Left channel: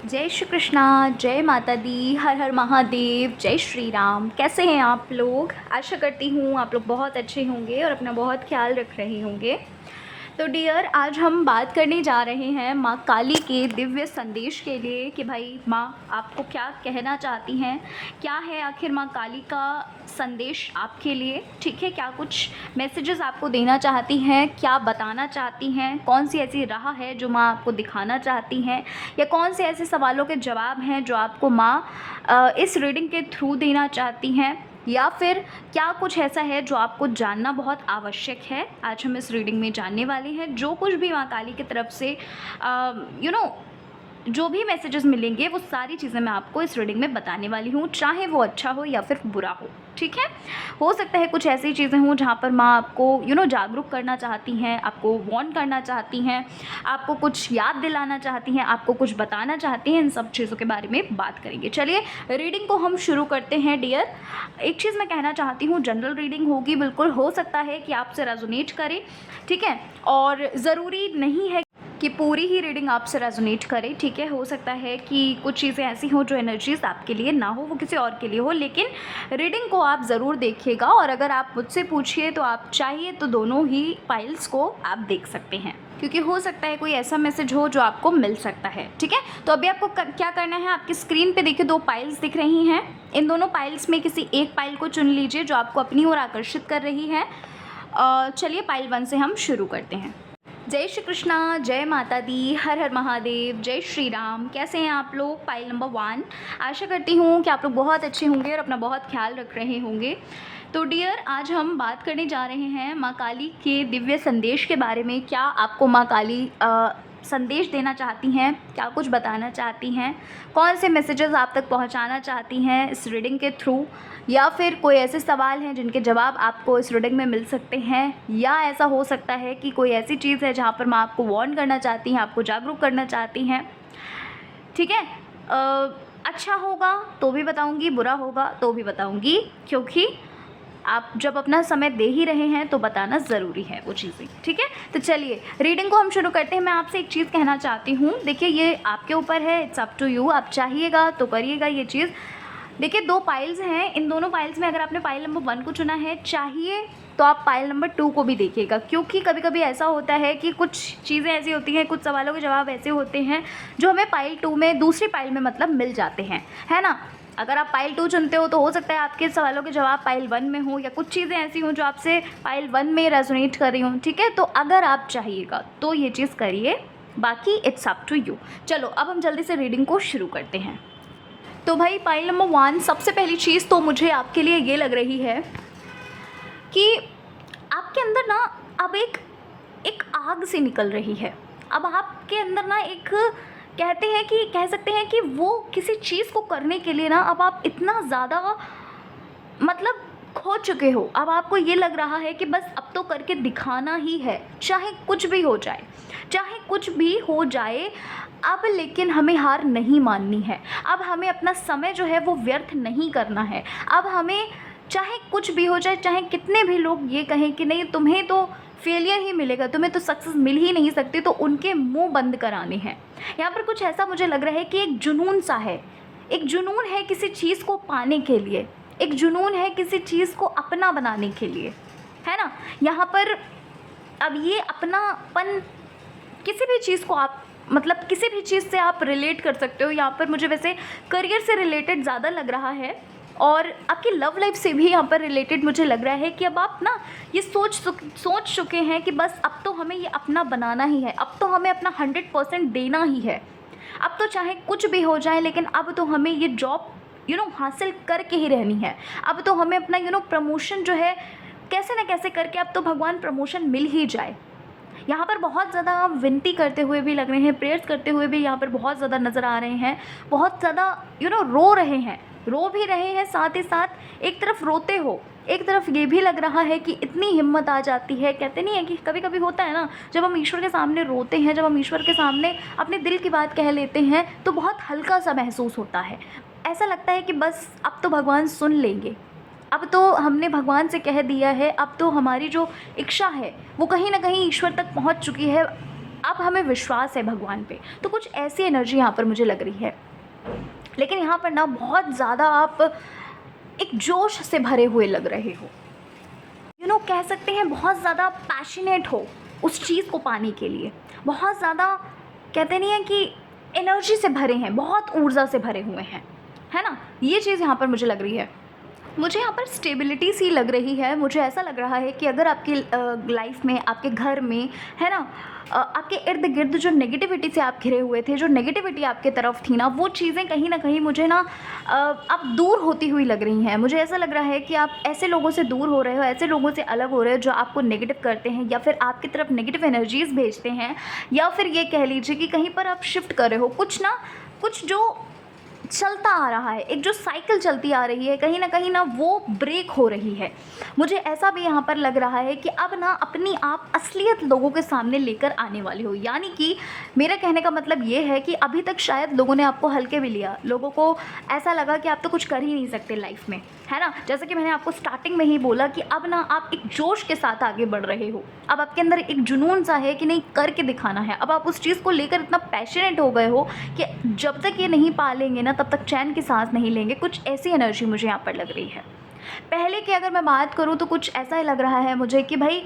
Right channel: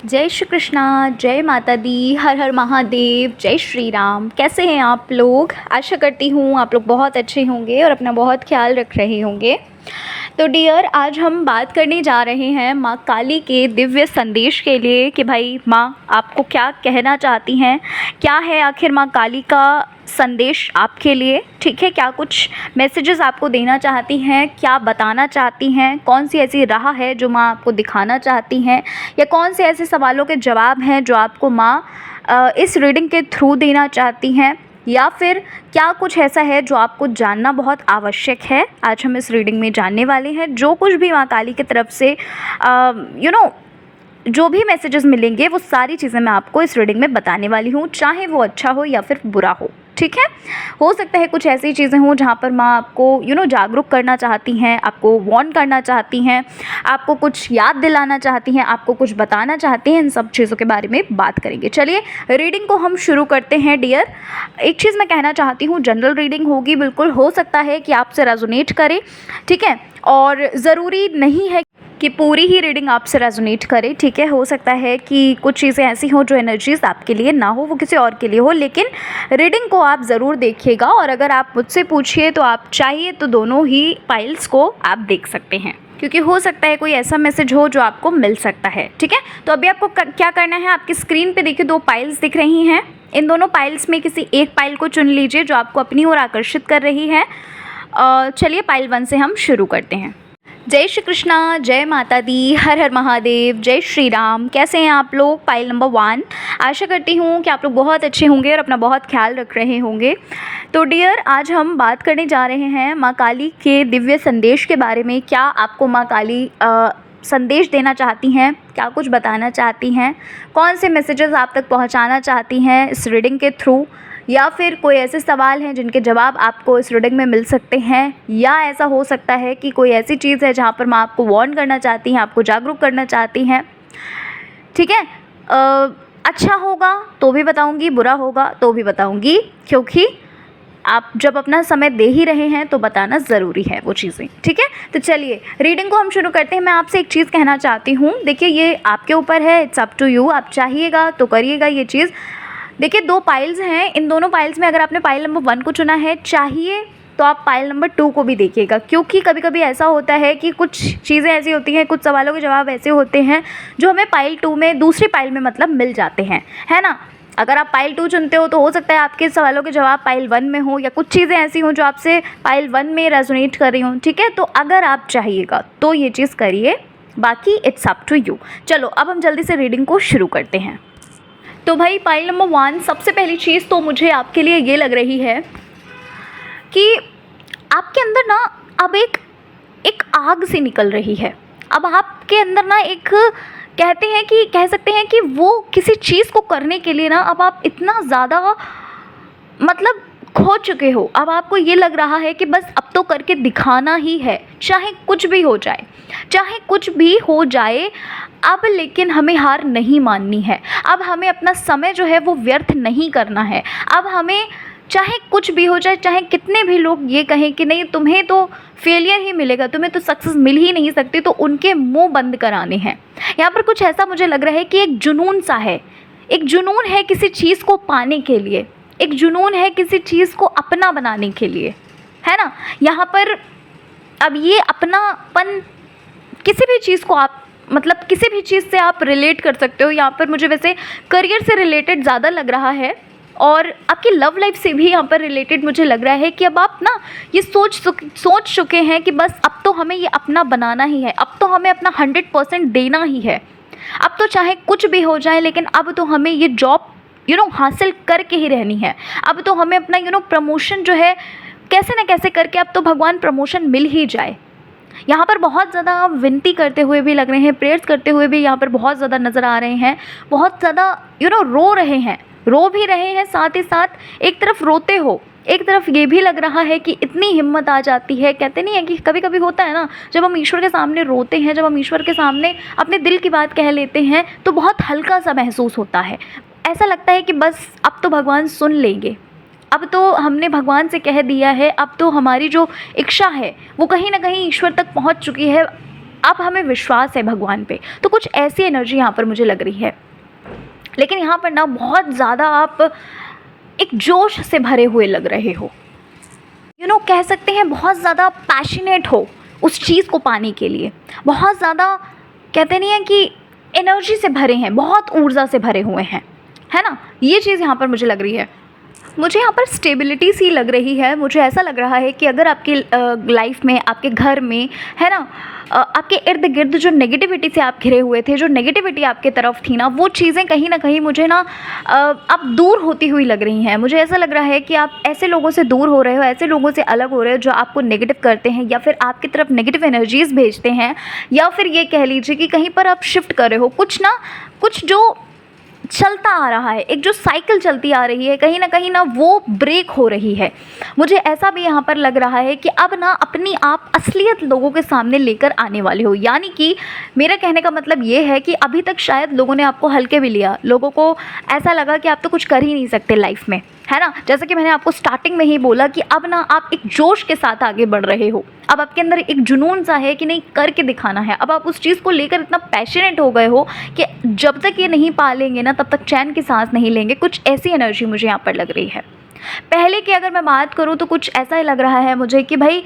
जय श्री कृष्णा। जय माता दी। हर हर महादेव। जय श्री राम। कैसे हैं आप लोग? आशा करती हूँ आप लोग बहुत अच्छे होंगे और अपना बहुत ख्याल रख रहे होंगे। तो डियर, आज हम बात करने जा रहे हैं माँ काली के दिव्य संदेश के लिए कि भाई माँ आपको क्या कहना चाहती हैं, क्या है आखिर माँ काली का संदेश आपके लिए। ठीक है, क्या कुछ मैसेजेस आपको देना चाहती हैं, क्या बताना चाहती हैं, कौन सी ऐसी राह है जो माँ आपको दिखाना चाहती हैं, या कौन से ऐसे सवालों के जवाब हैं जो आपको माँ इस रीडिंग के थ्रू देना चाहती हैं, या फिर क्या कुछ ऐसा है जो आपको जानना बहुत आवश्यक है। आज हम इस रीडिंग में जानने वाले हैं। जो कुछ भी माँ काली की तरफ से जो भी मैसेजेस मिलेंगे वो सारी चीज़ें मैं आपको इस रीडिंग में बताने वाली हूँ, चाहे वो अच्छा हो या फिर बुरा हो। ठीक है, हो सकता है कुछ ऐसी चीज़ें हों जहाँ पर माँ आपको जागरूक करना चाहती हैं, आपको वार्न करना चाहती हैं, आपको कुछ याद दिलाना चाहती हैं, आपको कुछ बताना चाहती हैं। इन सब चीज़ों के बारे में बात करेंगे। चलिए रीडिंग को हम शुरू करते हैं। डियर, एक चीज़ मैं कहना चाहती हूँ, जनरल रीडिंग होगी, बिल्कुल हो सकता है कि आपसे रेजोनेट करे। ठीक है, और ज़रूरी नहीं है कि पूरी ही रीडिंग आपसे रेजोनेट करे। ठीक है, हो सकता है कि कुछ चीज़ें ऐसी हों जो एनर्जीज़ आपके लिए ना हो, वो किसी और के लिए हो, लेकिन रीडिंग को आप ज़रूर देखिएगा। और अगर आप मुझसे पूछिए तो आप चाहिए तो दोनों ही पाइल्स को आप देख सकते हैं, क्योंकि हो सकता है कोई ऐसा मैसेज हो जो आपको मिल सकता है। ठीक है, तो अभी आपको क्या करना है, आपकी स्क्रीन पे देखिए 2 पाइल्स दिख रही हैं। इन दोनों पाइल्स में किसी एक पाइल को चुन लीजिए जो आपको अपनी ओर आकर्षित कर रही है। चलिए पाइल 1 से हम शुरू करते हैं। जय श्री कृष्णा। जय माता दी। हर हर महादेव। जय श्री राम। कैसे हैं आप लोग? Pile number 1। आशा करती हूँ कि आप लोग बहुत अच्छे होंगे और अपना बहुत ख्याल रख रहे होंगे। तो डियर, आज हम बात करने जा रहे हैं माँ काली के दिव्य संदेश के बारे में। क्या आपको माँ काली संदेश देना चाहती हैं, क्या कुछ बताना चाहती हैं, कौन से मैसेजेस आप तक पहुंचाना चाहती हैं इस रीडिंग के थ्रू, या फिर कोई ऐसे सवाल हैं जिनके जवाब आपको इस रीडिंग में मिल सकते हैं, या ऐसा हो सकता है कि कोई ऐसी चीज़ है जहाँ पर मैं आपको वार्न करना चाहती हैं, आपको जागरूक करना चाहती हैं। ठीक है, अच्छा होगा तो भी बताऊँगी, बुरा होगा तो भी बताऊँगी, क्योंकि आप जब अपना समय दे ही रहे हैं तो बताना ज़रूरी है वो चीज़ें। ठीक है, तो चलिए रीडिंग को हम शुरू करते हैं। मैं आपसे एक चीज़ कहना चाहती हूँ, देखिए ये आपके ऊपर है, इट्स अप टू यू। आप चाहिएगा तो करिएगा ये चीज़। देखिए 2 पाइल्स हैं, इन दोनों पाइल्स में अगर आपने पाइल नंबर 1 को चुना है, चाहिए तो आप पाइल नंबर 2 को भी देखिएगा, क्योंकि कभी कभी ऐसा होता है कि कुछ चीज़ें ऐसी होती हैं, कुछ सवालों के जवाब ऐसे होते हैं जो हमें पाइल 2 में, दूसरी पाइल में मतलब मिल जाते हैं, है ना। अगर आप पाइल 2 चुनते हो तो हो सकता है आपके सवालों के जवाब पाइल 1 में हो, या कुछ चीज़ें ऐसी हों जो आपसे पाइल 1 में रेजोनेट कर रही हों। ठीक है, तो अगर आप चाहिएगा तो ये चीज़ करिए, बाकी इट्स अप टू यू। चलो अब हम जल्दी से रीडिंग को शुरू करते हैं। तो भाई पाइल नंबर 1, सबसे पहली चीज़ तो मुझे आपके लिए ये लग रही है कि आपके अंदर ना अब एक आग सी निकल रही है। अब आपके अंदर ना एक कह सकते हैं कि वो किसी चीज़ को करने के लिए ना अब आप इतना ज़्यादा मतलब खो चुके हो। अब आपको ये लग रहा है कि बस अब तो करके दिखाना ही है, चाहे कुछ भी हो जाए, चाहे कुछ भी हो जाए अब, लेकिन हमें हार नहीं माननी है। अब हमें अपना समय जो है वो व्यर्थ नहीं करना है। अब हमें चाहे कुछ भी हो जाए, चाहे कितने भी लोग ये कहें कि नहीं तुम्हें तो फेलियर ही मिलेगा, तुम्हें तो सक्सेस मिल ही नहीं सकती, तो उनके मुंह बंद कराने हैं। यहाँ पर कुछ ऐसा मुझे लग रहा है कि एक जुनून सा है, एक जुनून है किसी चीज़ को पाने के लिए, एक जुनून है किसी चीज़ को अपना बनाने के लिए, है ना। यहाँ पर अब ये अपनापन किसी भी चीज़ को आप मतलब किसी भी चीज़ से आप रिलेट कर सकते हो। यहाँ पर मुझे वैसे करियर से रिलेटेड ज़्यादा लग रहा है, और आपकी लव लाइफ से भी यहाँ पर रिलेटेड मुझे लग रहा है कि अब आप ना ये सोच चुके हैं कि बस अब तो हमें ये अपना बनाना ही है, अब तो हमें अपना 100% देना ही है, अब तो चाहे कुछ भी हो जाए, लेकिन अब तो हमें ये जॉब हासिल करके ही रहनी है। अब तो हमें अपना प्रमोशन जो है कैसे ना कैसे करके, अब तो भगवान प्रमोशन मिल ही जाए। यहाँ पर बहुत ज़्यादा आप विनती करते हुए भी लग रहे हैं, प्रेयर्स करते हुए भी यहाँ पर बहुत ज़्यादा नज़र आ रहे हैं, बहुत ज़्यादा रो रहे हैं, रो भी रहे हैं, साथ ही साथ एक तरफ रोते हो, एक तरफ ये भी लग रहा है कि इतनी हिम्मत आ जाती है। कहते नहीं है कि कभी कभी होता है ना, जब हम ईश्वर के सामने रोते हैं, जब हम ईश्वर के सामने अपने दिल की बात कह लेते हैं तो बहुत हल्का सा महसूस होता है। ऐसा लगता है कि बस अब तो भगवान सुन लेंगे, अब तो हमने भगवान से कह दिया है, अब तो हमारी जो इच्छा है वो कहीं ना कहीं ईश्वर तक पहुंच चुकी है, अब हमें विश्वास है भगवान पे। तो कुछ ऐसी एनर्जी यहाँ पर मुझे लग रही है। लेकिन यहाँ पर ना बहुत ज़्यादा आप एक जोश से भरे हुए लग रहे हो, कह सकते हैं बहुत ज़्यादा पैशनेट हो उस चीज़ को पाने के लिए, बहुत ज़्यादा कहते नहीं है कि एनर्जी से भरे हैं, बहुत ऊर्जा से भरे हुए हैं, है ना। ये चीज़ यहाँ पर मुझे लग रही है। मुझे यहाँ पर स्टेबिलिटी सी लग रही है। मुझे ऐसा लग रहा है कि अगर आपकी लाइफ में, आपके घर में, है ना, आपके इर्द गिर्द जो नेगेटिविटी से आप घिरे हुए थे, जो नेगेटिविटी आपके तरफ थी ना, वो चीज़ें कहीं ना कहीं मुझे ना अब दूर होती हुई लग रही हैं। मुझे ऐसा लग रहा है कि आप ऐसे लोगों से दूर हो रहे हो, ऐसे लोगों से अलग हो रहे हो जो आपको नेगेटिव करते हैं या फिर आपकी तरफ नेगेटिव एनर्जीज़ भेजते हैं, या फिर ये कह लीजिए कि कहीं पर आप शिफ्ट कर रहे हो। कुछ जो चलता आ रहा है, एक जो साइकिल चलती आ रही है, कहीं ना वो ब्रेक हो रही है। मुझे ऐसा भी यहाँ पर लग रहा है कि अब ना अपनी आप असलियत लोगों के सामने लेकर आने वाले हो। यानी कि मेरा कहने का मतलब ये है कि अभी तक शायद लोगों ने आपको हल्के भी लिया, लोगों को ऐसा लगा कि आप तो कुछ कर ही नहीं सकते लाइफ में, है ना। जैसे कि मैंने आपको स्टार्टिंग में ही बोला कि अब ना आप एक जोश के साथ आगे बढ़ रहे हो। अब आपके अंदर एक जुनून सा है कि नहीं, करके दिखाना है। अब आप उस चीज़ को लेकर इतना पैशनेट हो गए हो कि जब तक ये नहीं पालेंगे ना, तब तक चैन की सांस नहीं लेंगे। कुछ ऐसी एनर्जी मुझे यहाँ पर लग रही है। पहले की अगर मैं बात करूँ तो कुछ ऐसा ही लग रहा है मुझे कि भाई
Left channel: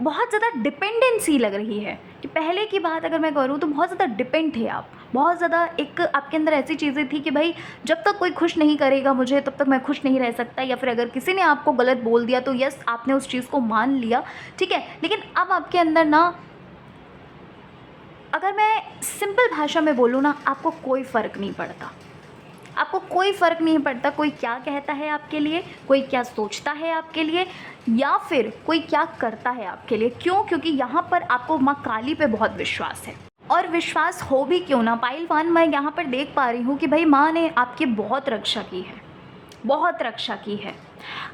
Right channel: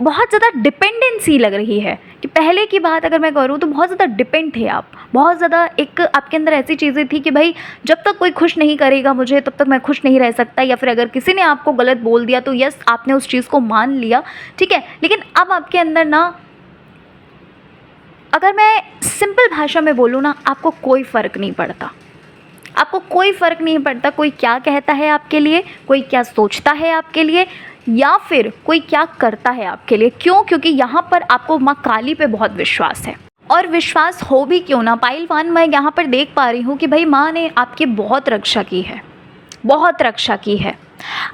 बहुत ज़्यादा डिपेंडेंसी लग रही है। कि पहले की बात अगर मैं करूँ तो बहुत ज़्यादा डिपेंड थे आप, बहुत ज़्यादा एक आपके अंदर ऐसी चीज़ें थी कि भाई जब तक कोई खुश नहीं करेगा मुझे, तब तक मैं खुश नहीं रह सकता। या फिर अगर किसी ने आपको गलत बोल दिया तो यस, आपने उस चीज़ को मान लिया, ठीक है। लेकिन अब आपके अंदर ना, अगर मैं सिंपल भाषा में बोलूँ ना, आपको कोई फ़र्क नहीं पड़ता। आपको कोई फ़र्क नहीं पड़ता कोई क्या कहता है आपके लिए, कोई क्या सोचता है आपके लिए, या फिर कोई क्या करता है आपके लिए। क्यों? क्योंकि यहाँ पर आपको माँ काली पे बहुत विश्वास है। और विश्वास हो भी क्यों ना पाइलवान, मैं यहाँ पर देख पा रही हूँ कि भाई माँ ने आपकी बहुत रक्षा की है, बहुत रक्षा की है।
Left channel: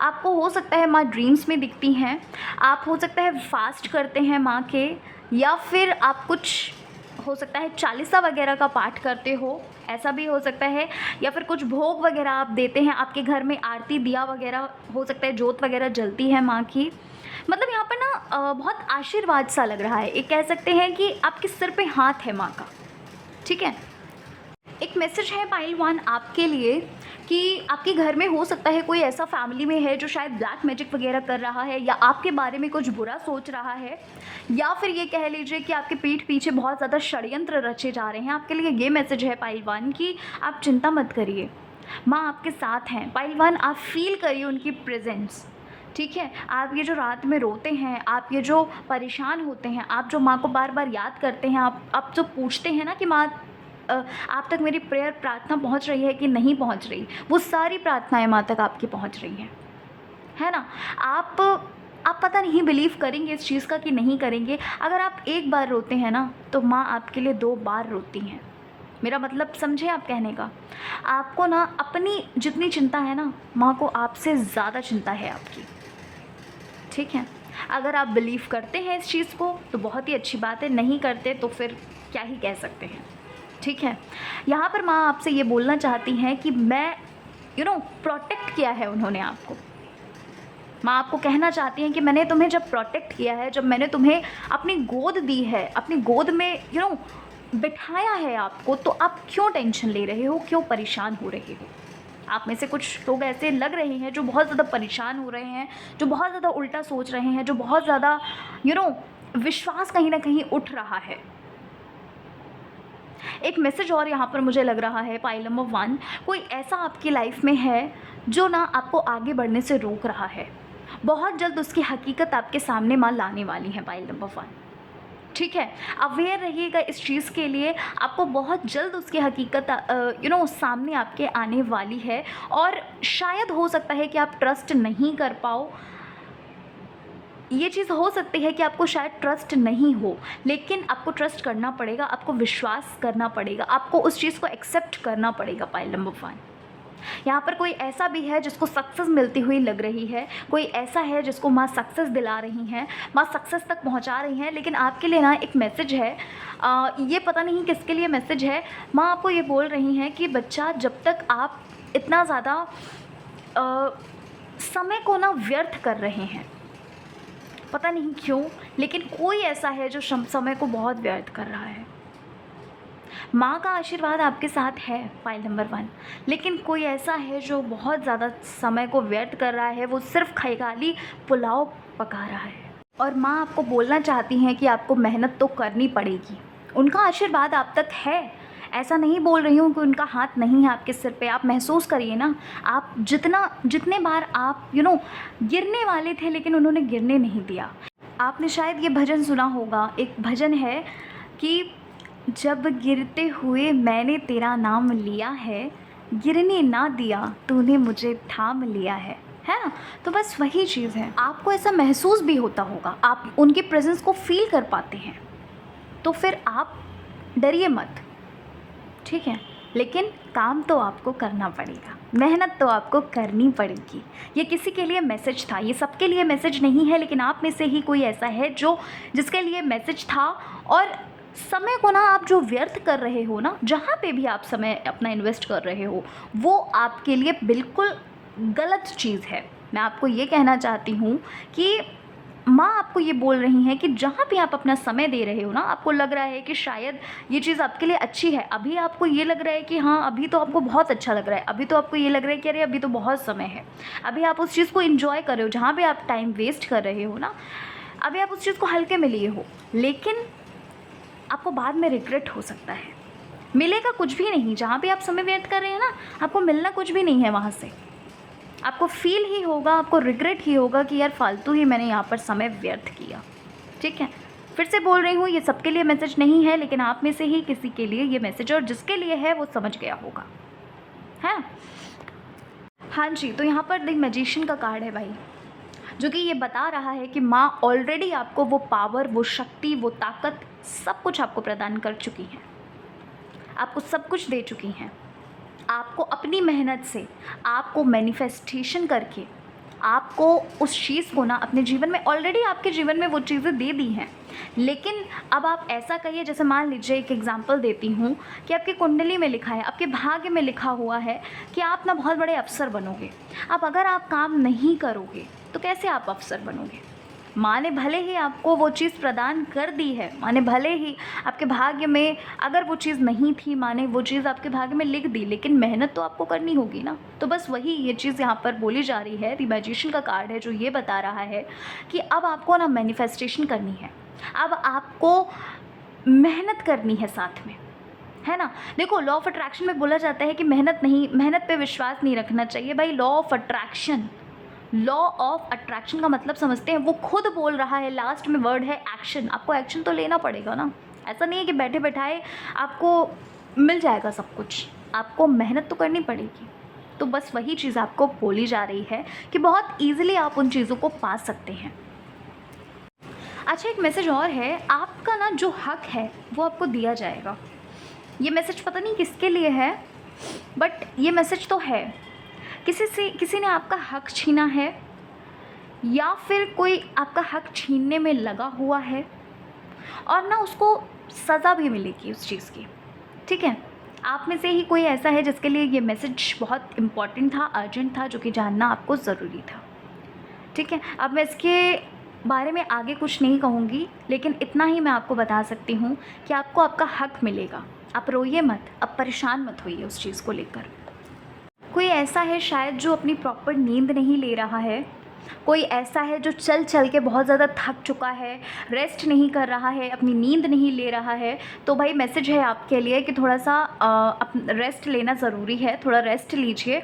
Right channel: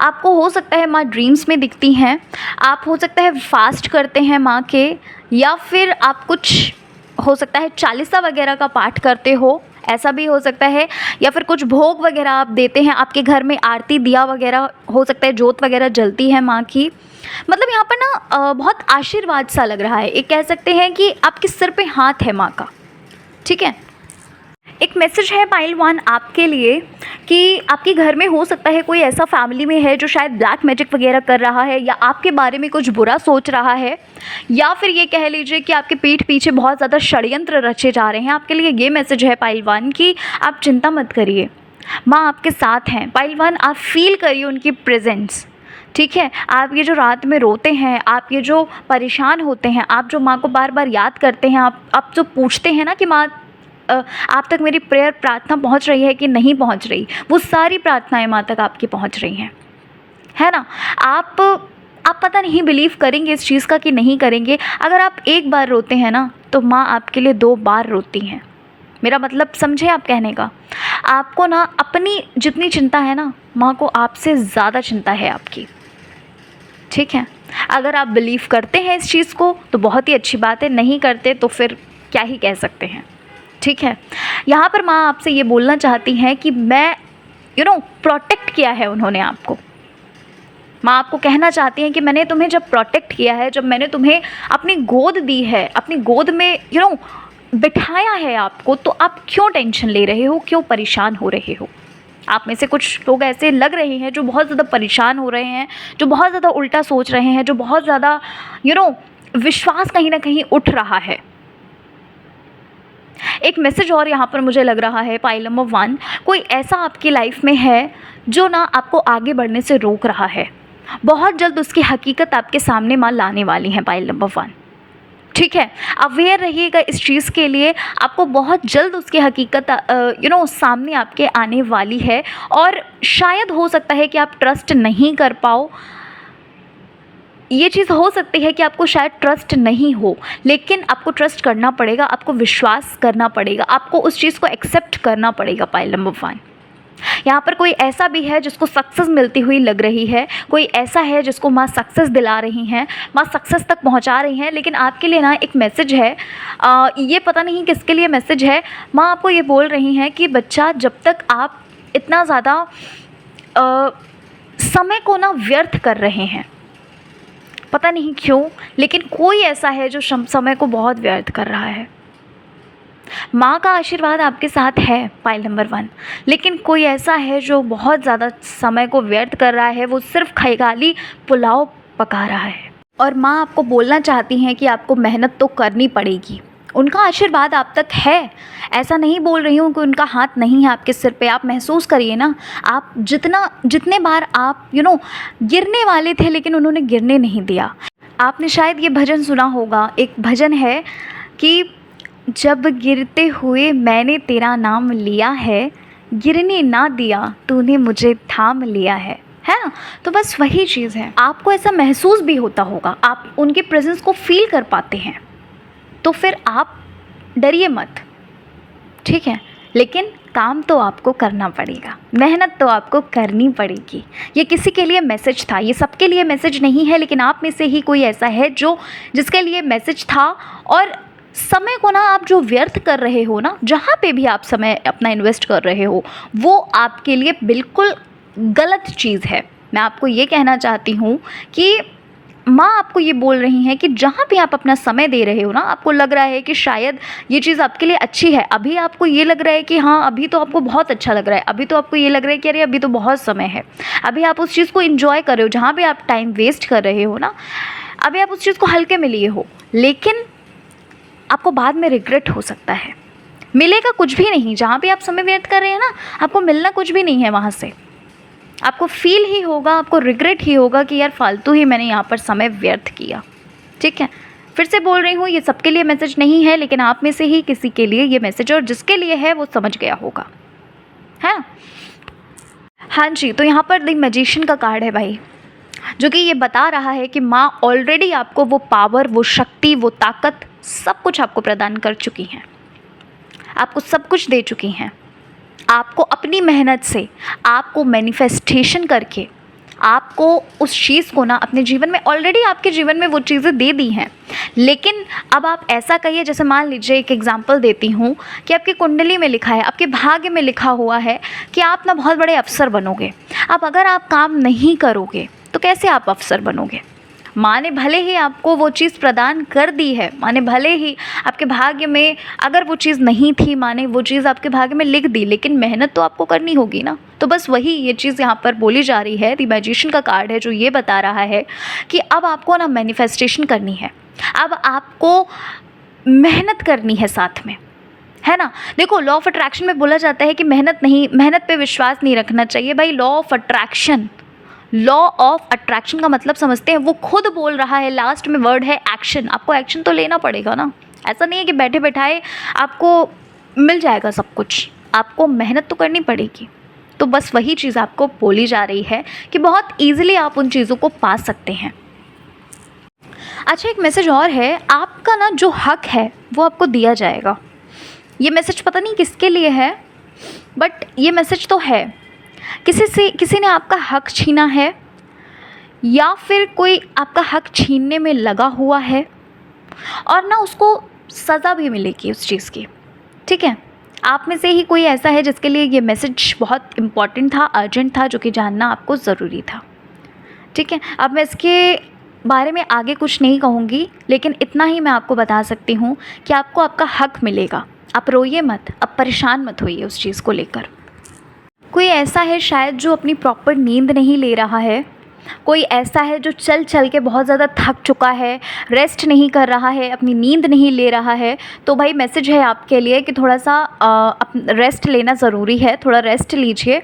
आपको हो सकता है माँ ड्रीम्स में दिखती हैं, आप हो सकता है फास्ट करते हैं माँ के, या फिर आप कुछ हो सकता है चालीसा वगैरह का पाठ करते हो, ऐसा भी हो सकता है। या फिर कुछ भोग वगैरह आप देते हैं, आपके घर में आरती दिया वगैरह हो सकता है, जोत वगैरह जलती है माँ की। मतलब यहाँ पर ना बहुत आशीर्वाद सा लग रहा है। एक कह सकते हैं कि आपके सिर पे हाथ है माँ का, ठीक है। एक मैसेज है पाइलवान आपके लिए कि आपके घर में हो सकता है कोई ऐसा फैमिली में है जो शायद ब्लैक मैजिक वगैरह कर रहा है, या आपके बारे में कुछ बुरा सोच रहा है, या फिर ये कह लीजिए कि आपके पीठ पीछे बहुत ज़्यादा षड्यंत्र रचे जा रहे हैं। आपके लिए ये मैसेज है पाइलवान कि आप चिंता मत करिए, माँ आपके साथ हैं। पाइलवान आप फील करिए उनकी प्रेजेंस, ठीक है। आप ये जो रात में रोते हैं, आप ये जो परेशान होते हैं, आप जो माँ को बार बार याद करते हैं, आप जो पूछते हैं ना कि माँ आप तक मेरी प्रेयर प्रार्थना पहुंच रही है कि नहीं पहुंच रही, वो सारी प्रार्थनाएं माँ तक आपकी पहुंच रही हैं, है ना। आप पता नहीं बिलीव करेंगे इस चीज़ का कि नहीं करेंगे। अगर आप एक बार रोते हैं ना, तो माँ आपके लिए 2 बार रोती हैं। मेरा मतलब समझे आप कहने का। आपको ना अपनी जितनी चिंता है ना, माँ को आपसे ज़्यादा चिंता है आपकी, ठीक है। अगर आप बिलीव करते हैं इस चीज़ को तो बहुत ही अच्छी बात है, नहीं करते तो फिर क्या ही कह सकते हैं, ठीक है। यहाँ पर माँ आपसे ये बोलना चाहती हैं कि मैं प्रोटेक्ट किया है उन्होंने आपको। माँ आपको कहना चाहती हैं कि मैंने तुम्हें जब प्रोटेक्ट किया है, जब मैंने तुम्हें अपनी गोद दी है, अपनी गोद में बिठाया है आपको, तो आप क्यों टेंशन ले रहे हो, क्यों परेशान हो रहे हो। आप में से कुछ लोग ऐसे लग रहे हैं जो बहुत ज़्यादा परेशान हो रहे हैं, जो बहुत ज़्यादा उल्टा सोच रहे हैं, जो बहुत ज़्यादा विश्वास कहीं ना कहीं उठ रहा है। एक मैसेज और यहाँ पर मुझे लग रहा है पाइल नंबर 1, कोई ऐसा आपकी लाइफ में है जो ना आपको आगे बढ़ने से रोक रहा है। बहुत जल्द उसकी हकीकत आपके सामने माँ लाने वाली है पाइल नंबर 1, ठीक है। अवेयर रहिएगा इस चीज़ के लिए, आपको बहुत जल्द उसकी हकीकत सामने आपके आने वाली है। और शायद हो सकता है कि आप ट्रस्ट नहीं कर पाओ, ये चीज़ हो सकती है कि आपको शायद ट्रस्ट नहीं हो, लेकिन आपको ट्रस्ट करना पड़ेगा, आपको विश्वास करना पड़ेगा, आपको उस चीज़ को एक्सेप्ट करना पड़ेगा पाइल नंबर 1। यहाँ पर कोई ऐसा भी है जिसको सक्सेस मिलती हुई लग रही है, कोई ऐसा है जिसको माँ सक्सेस दिला रही हैं, माँ सक्सेस तक पहुँचा रही हैं। लेकिन आपके लिए ना एक मैसेज है, ये पता नहीं किसके लिए मैसेज है। माँ आपको ये बोल रही हैं कि बच्चा, जब तक आप इतना ज़्यादा समय को ना व्यर्थ कर रहे हैं, पता नहीं क्यों, लेकिन कोई ऐसा है जो समय को बहुत व्यर्थ कर रहा है। माँ का आशीर्वाद आपके साथ है, पाइल नंबर 1, लेकिन कोई ऐसा है जो बहुत ज़्यादा समय को व्यर्थ कर रहा है। वो सिर्फ खाली पुलाव पका रहा है और माँ आपको बोलना चाहती हैं कि आपको मेहनत तो करनी पड़ेगी। उनका आशीर्वाद आप तक है, ऐसा नहीं बोल रही हूँ कि उनका हाथ नहीं है आपके सिर पे। आप महसूस करिए ना, आप जितने बार आप गिरने वाले थे लेकिन उन्होंने गिरने नहीं दिया। आपने शायद ये भजन सुना होगा, एक भजन है कि जब गिरते हुए मैंने तेरा नाम लिया है, गिरने ना दिया तूने मुझे थाम लिया है ना। तो बस वही चीज़ है, आपको ऐसा महसूस भी होता होगा, आप उनके प्रेजेंस को फील कर पाते हैं, तो फिर आप डरिए मत, ठीक है। लेकिन काम तो आपको करना पड़ेगा, मेहनत तो आपको करनी पड़ेगी। ये किसी के लिए मैसेज था, ये सबके लिए मैसेज नहीं है, लेकिन आप में से ही कोई ऐसा है जिसके लिए मैसेज था। और समय को ना आप जो व्यर्थ कर रहे हो ना, जहाँ पे भी आप समय अपना इन्वेस्ट कर रहे हो, वो आपके लिए बिल्कुल गलत चीज़ है। मैं आपको ये कहना चाहती हूँ कि माँ आपको ये बोल रही हैं कि जहाँ भी आप अपना समय दे रहे हो ना, आपको लग रहा है कि शायद ये चीज़ आपके लिए अच्छी है, अभी आपको ये लग रहा है कि हाँ अभी तो आपको बहुत अच्छा लग रहा है, अभी तो आपको ये लग रहा है कि अरे अभी तो बहुत समय है, अभी आप उस चीज़ को एंजॉय कर रहे हो, जहाँ भी आप टाइम वेस्ट कर रहे हो ना, अभी आप उस चीज़ को हल्के में लिए हो, लेकिन आपको बाद में रिग्रेट हो सकता है। मिलेगा कुछ भी नहीं, जहाँ भी आप समय व्यर्थ कर रहे हैं ना, आपको मिलना कुछ भी नहीं है वहाँ से। आपको फील ही होगा, आपको रिग्रेट ही होगा कि यार फालतू ही मैंने यहाँ पर समय व्यर्थ किया, ठीक है। फिर से बोल रही हूँ, ये सबके लिए मैसेज नहीं है, लेकिन आप में से ही किसी के लिए ये मैसेज, और जिसके लिए है वो समझ गया होगा, है ना। हाँ जी, तो यहाँ पर द मैजिशियन का कार्ड है भाई, जो कि ये बता रहा है कि माँ ऑलरेडी आपको वो पावर, वो शक्ति, वो ताकत, सब कुछ आपको प्रदान कर चुकी हैं, आपको सब कुछ दे चुकी हैं। आपको अपनी मेहनत से, आपको मैनिफेस्टेशन करके, आपको उस चीज़ को ना अपने जीवन में, ऑलरेडी आपके जीवन में वो चीज़ें दे दी हैं। लेकिन अब आप ऐसा कहिए, जैसे मान लीजिए एक एग्जांपल देती हूँ कि आपकी कुंडली में लिखा है, आपके भाग्य में लिखा हुआ है कि आप ना बहुत बड़े अफसर बनोगे। अब अगर आप काम नहीं करोगे तो कैसे आप अफसर बनोगे। माँ ने भले ही आपको वो चीज़ प्रदान कर दी है, माँ ने भले ही आपके भाग्य में अगर वो चीज़ नहीं थी, माँ ने वो चीज़ आपके भाग्य में लिख दी, लेकिन मेहनत तो आपको करनी होगी ना। तो बस वही ये चीज़ यहाँ पर बोली जा रही है। द मैजिशियन का कार्ड है जो ये बता रहा है कि अब आपको ना मैनिफेस्टेशन करनी है, अब आपको मेहनत करनी है साथ में, है ना। देखो, लॉ ऑफ अट्रैक्शन में बोला जाता है कि मेहनत पे विश्वास नहीं रखना चाहिए भाई। लॉ ऑफ अट्रैक्शन का मतलब समझते हैं, वो खुद बोल रहा है, लास्ट में वर्ड है एक्शन। आपको एक्शन तो लेना पड़ेगा ना, ऐसा नहीं है कि बैठे बैठाए आपको मिल जाएगा सब कुछ, आपको मेहनत तो करनी पड़ेगी। तो बस वही चीज़ आपको बोली जा रही है कि बहुत ईजिली आप उन चीज़ों को पा सकते हैं। अच्छा, एक मैसेज और है, आपका ना जो हक है वो आपको दिया जाएगा। ये मैसेज पता नहीं किसके लिए है, बट ये मैसेज तो है। किसी ने आपका हक छीना है, या फिर कोई आपका हक छीनने में लगा हुआ है, और ना उसको सज़ा भी मिलेगी उस चीज़ की, ठीक है। आप में से ही कोई ऐसा है जिसके लिए ये मैसेज बहुत इम्पॉर्टेंट था, अर्जेंट था, जो कि जानना आपको ज़रूरी था, ठीक है। अब मैं इसके बारे में आगे कुछ नहीं कहूँगी, लेकिन इतना ही मैं आपको बता सकती हूँ कि आपको आपका हक मिलेगा। आप रोइए मत, अब परेशान मत होइए उस चीज़ को लेकर। कोई ऐसा है शायद जो अपनी प्रॉपर नींद नहीं ले रहा है, कोई ऐसा है जो चल चल के बहुत ज़्यादा थक चुका है, रेस्ट नहीं कर रहा है, अपनी नींद नहीं ले रहा है। तो भाई मैसेज है आपके लिए कि थोड़ा सा रेस्ट लेना ज़रूरी है, थोड़ा रेस्ट लीजिए,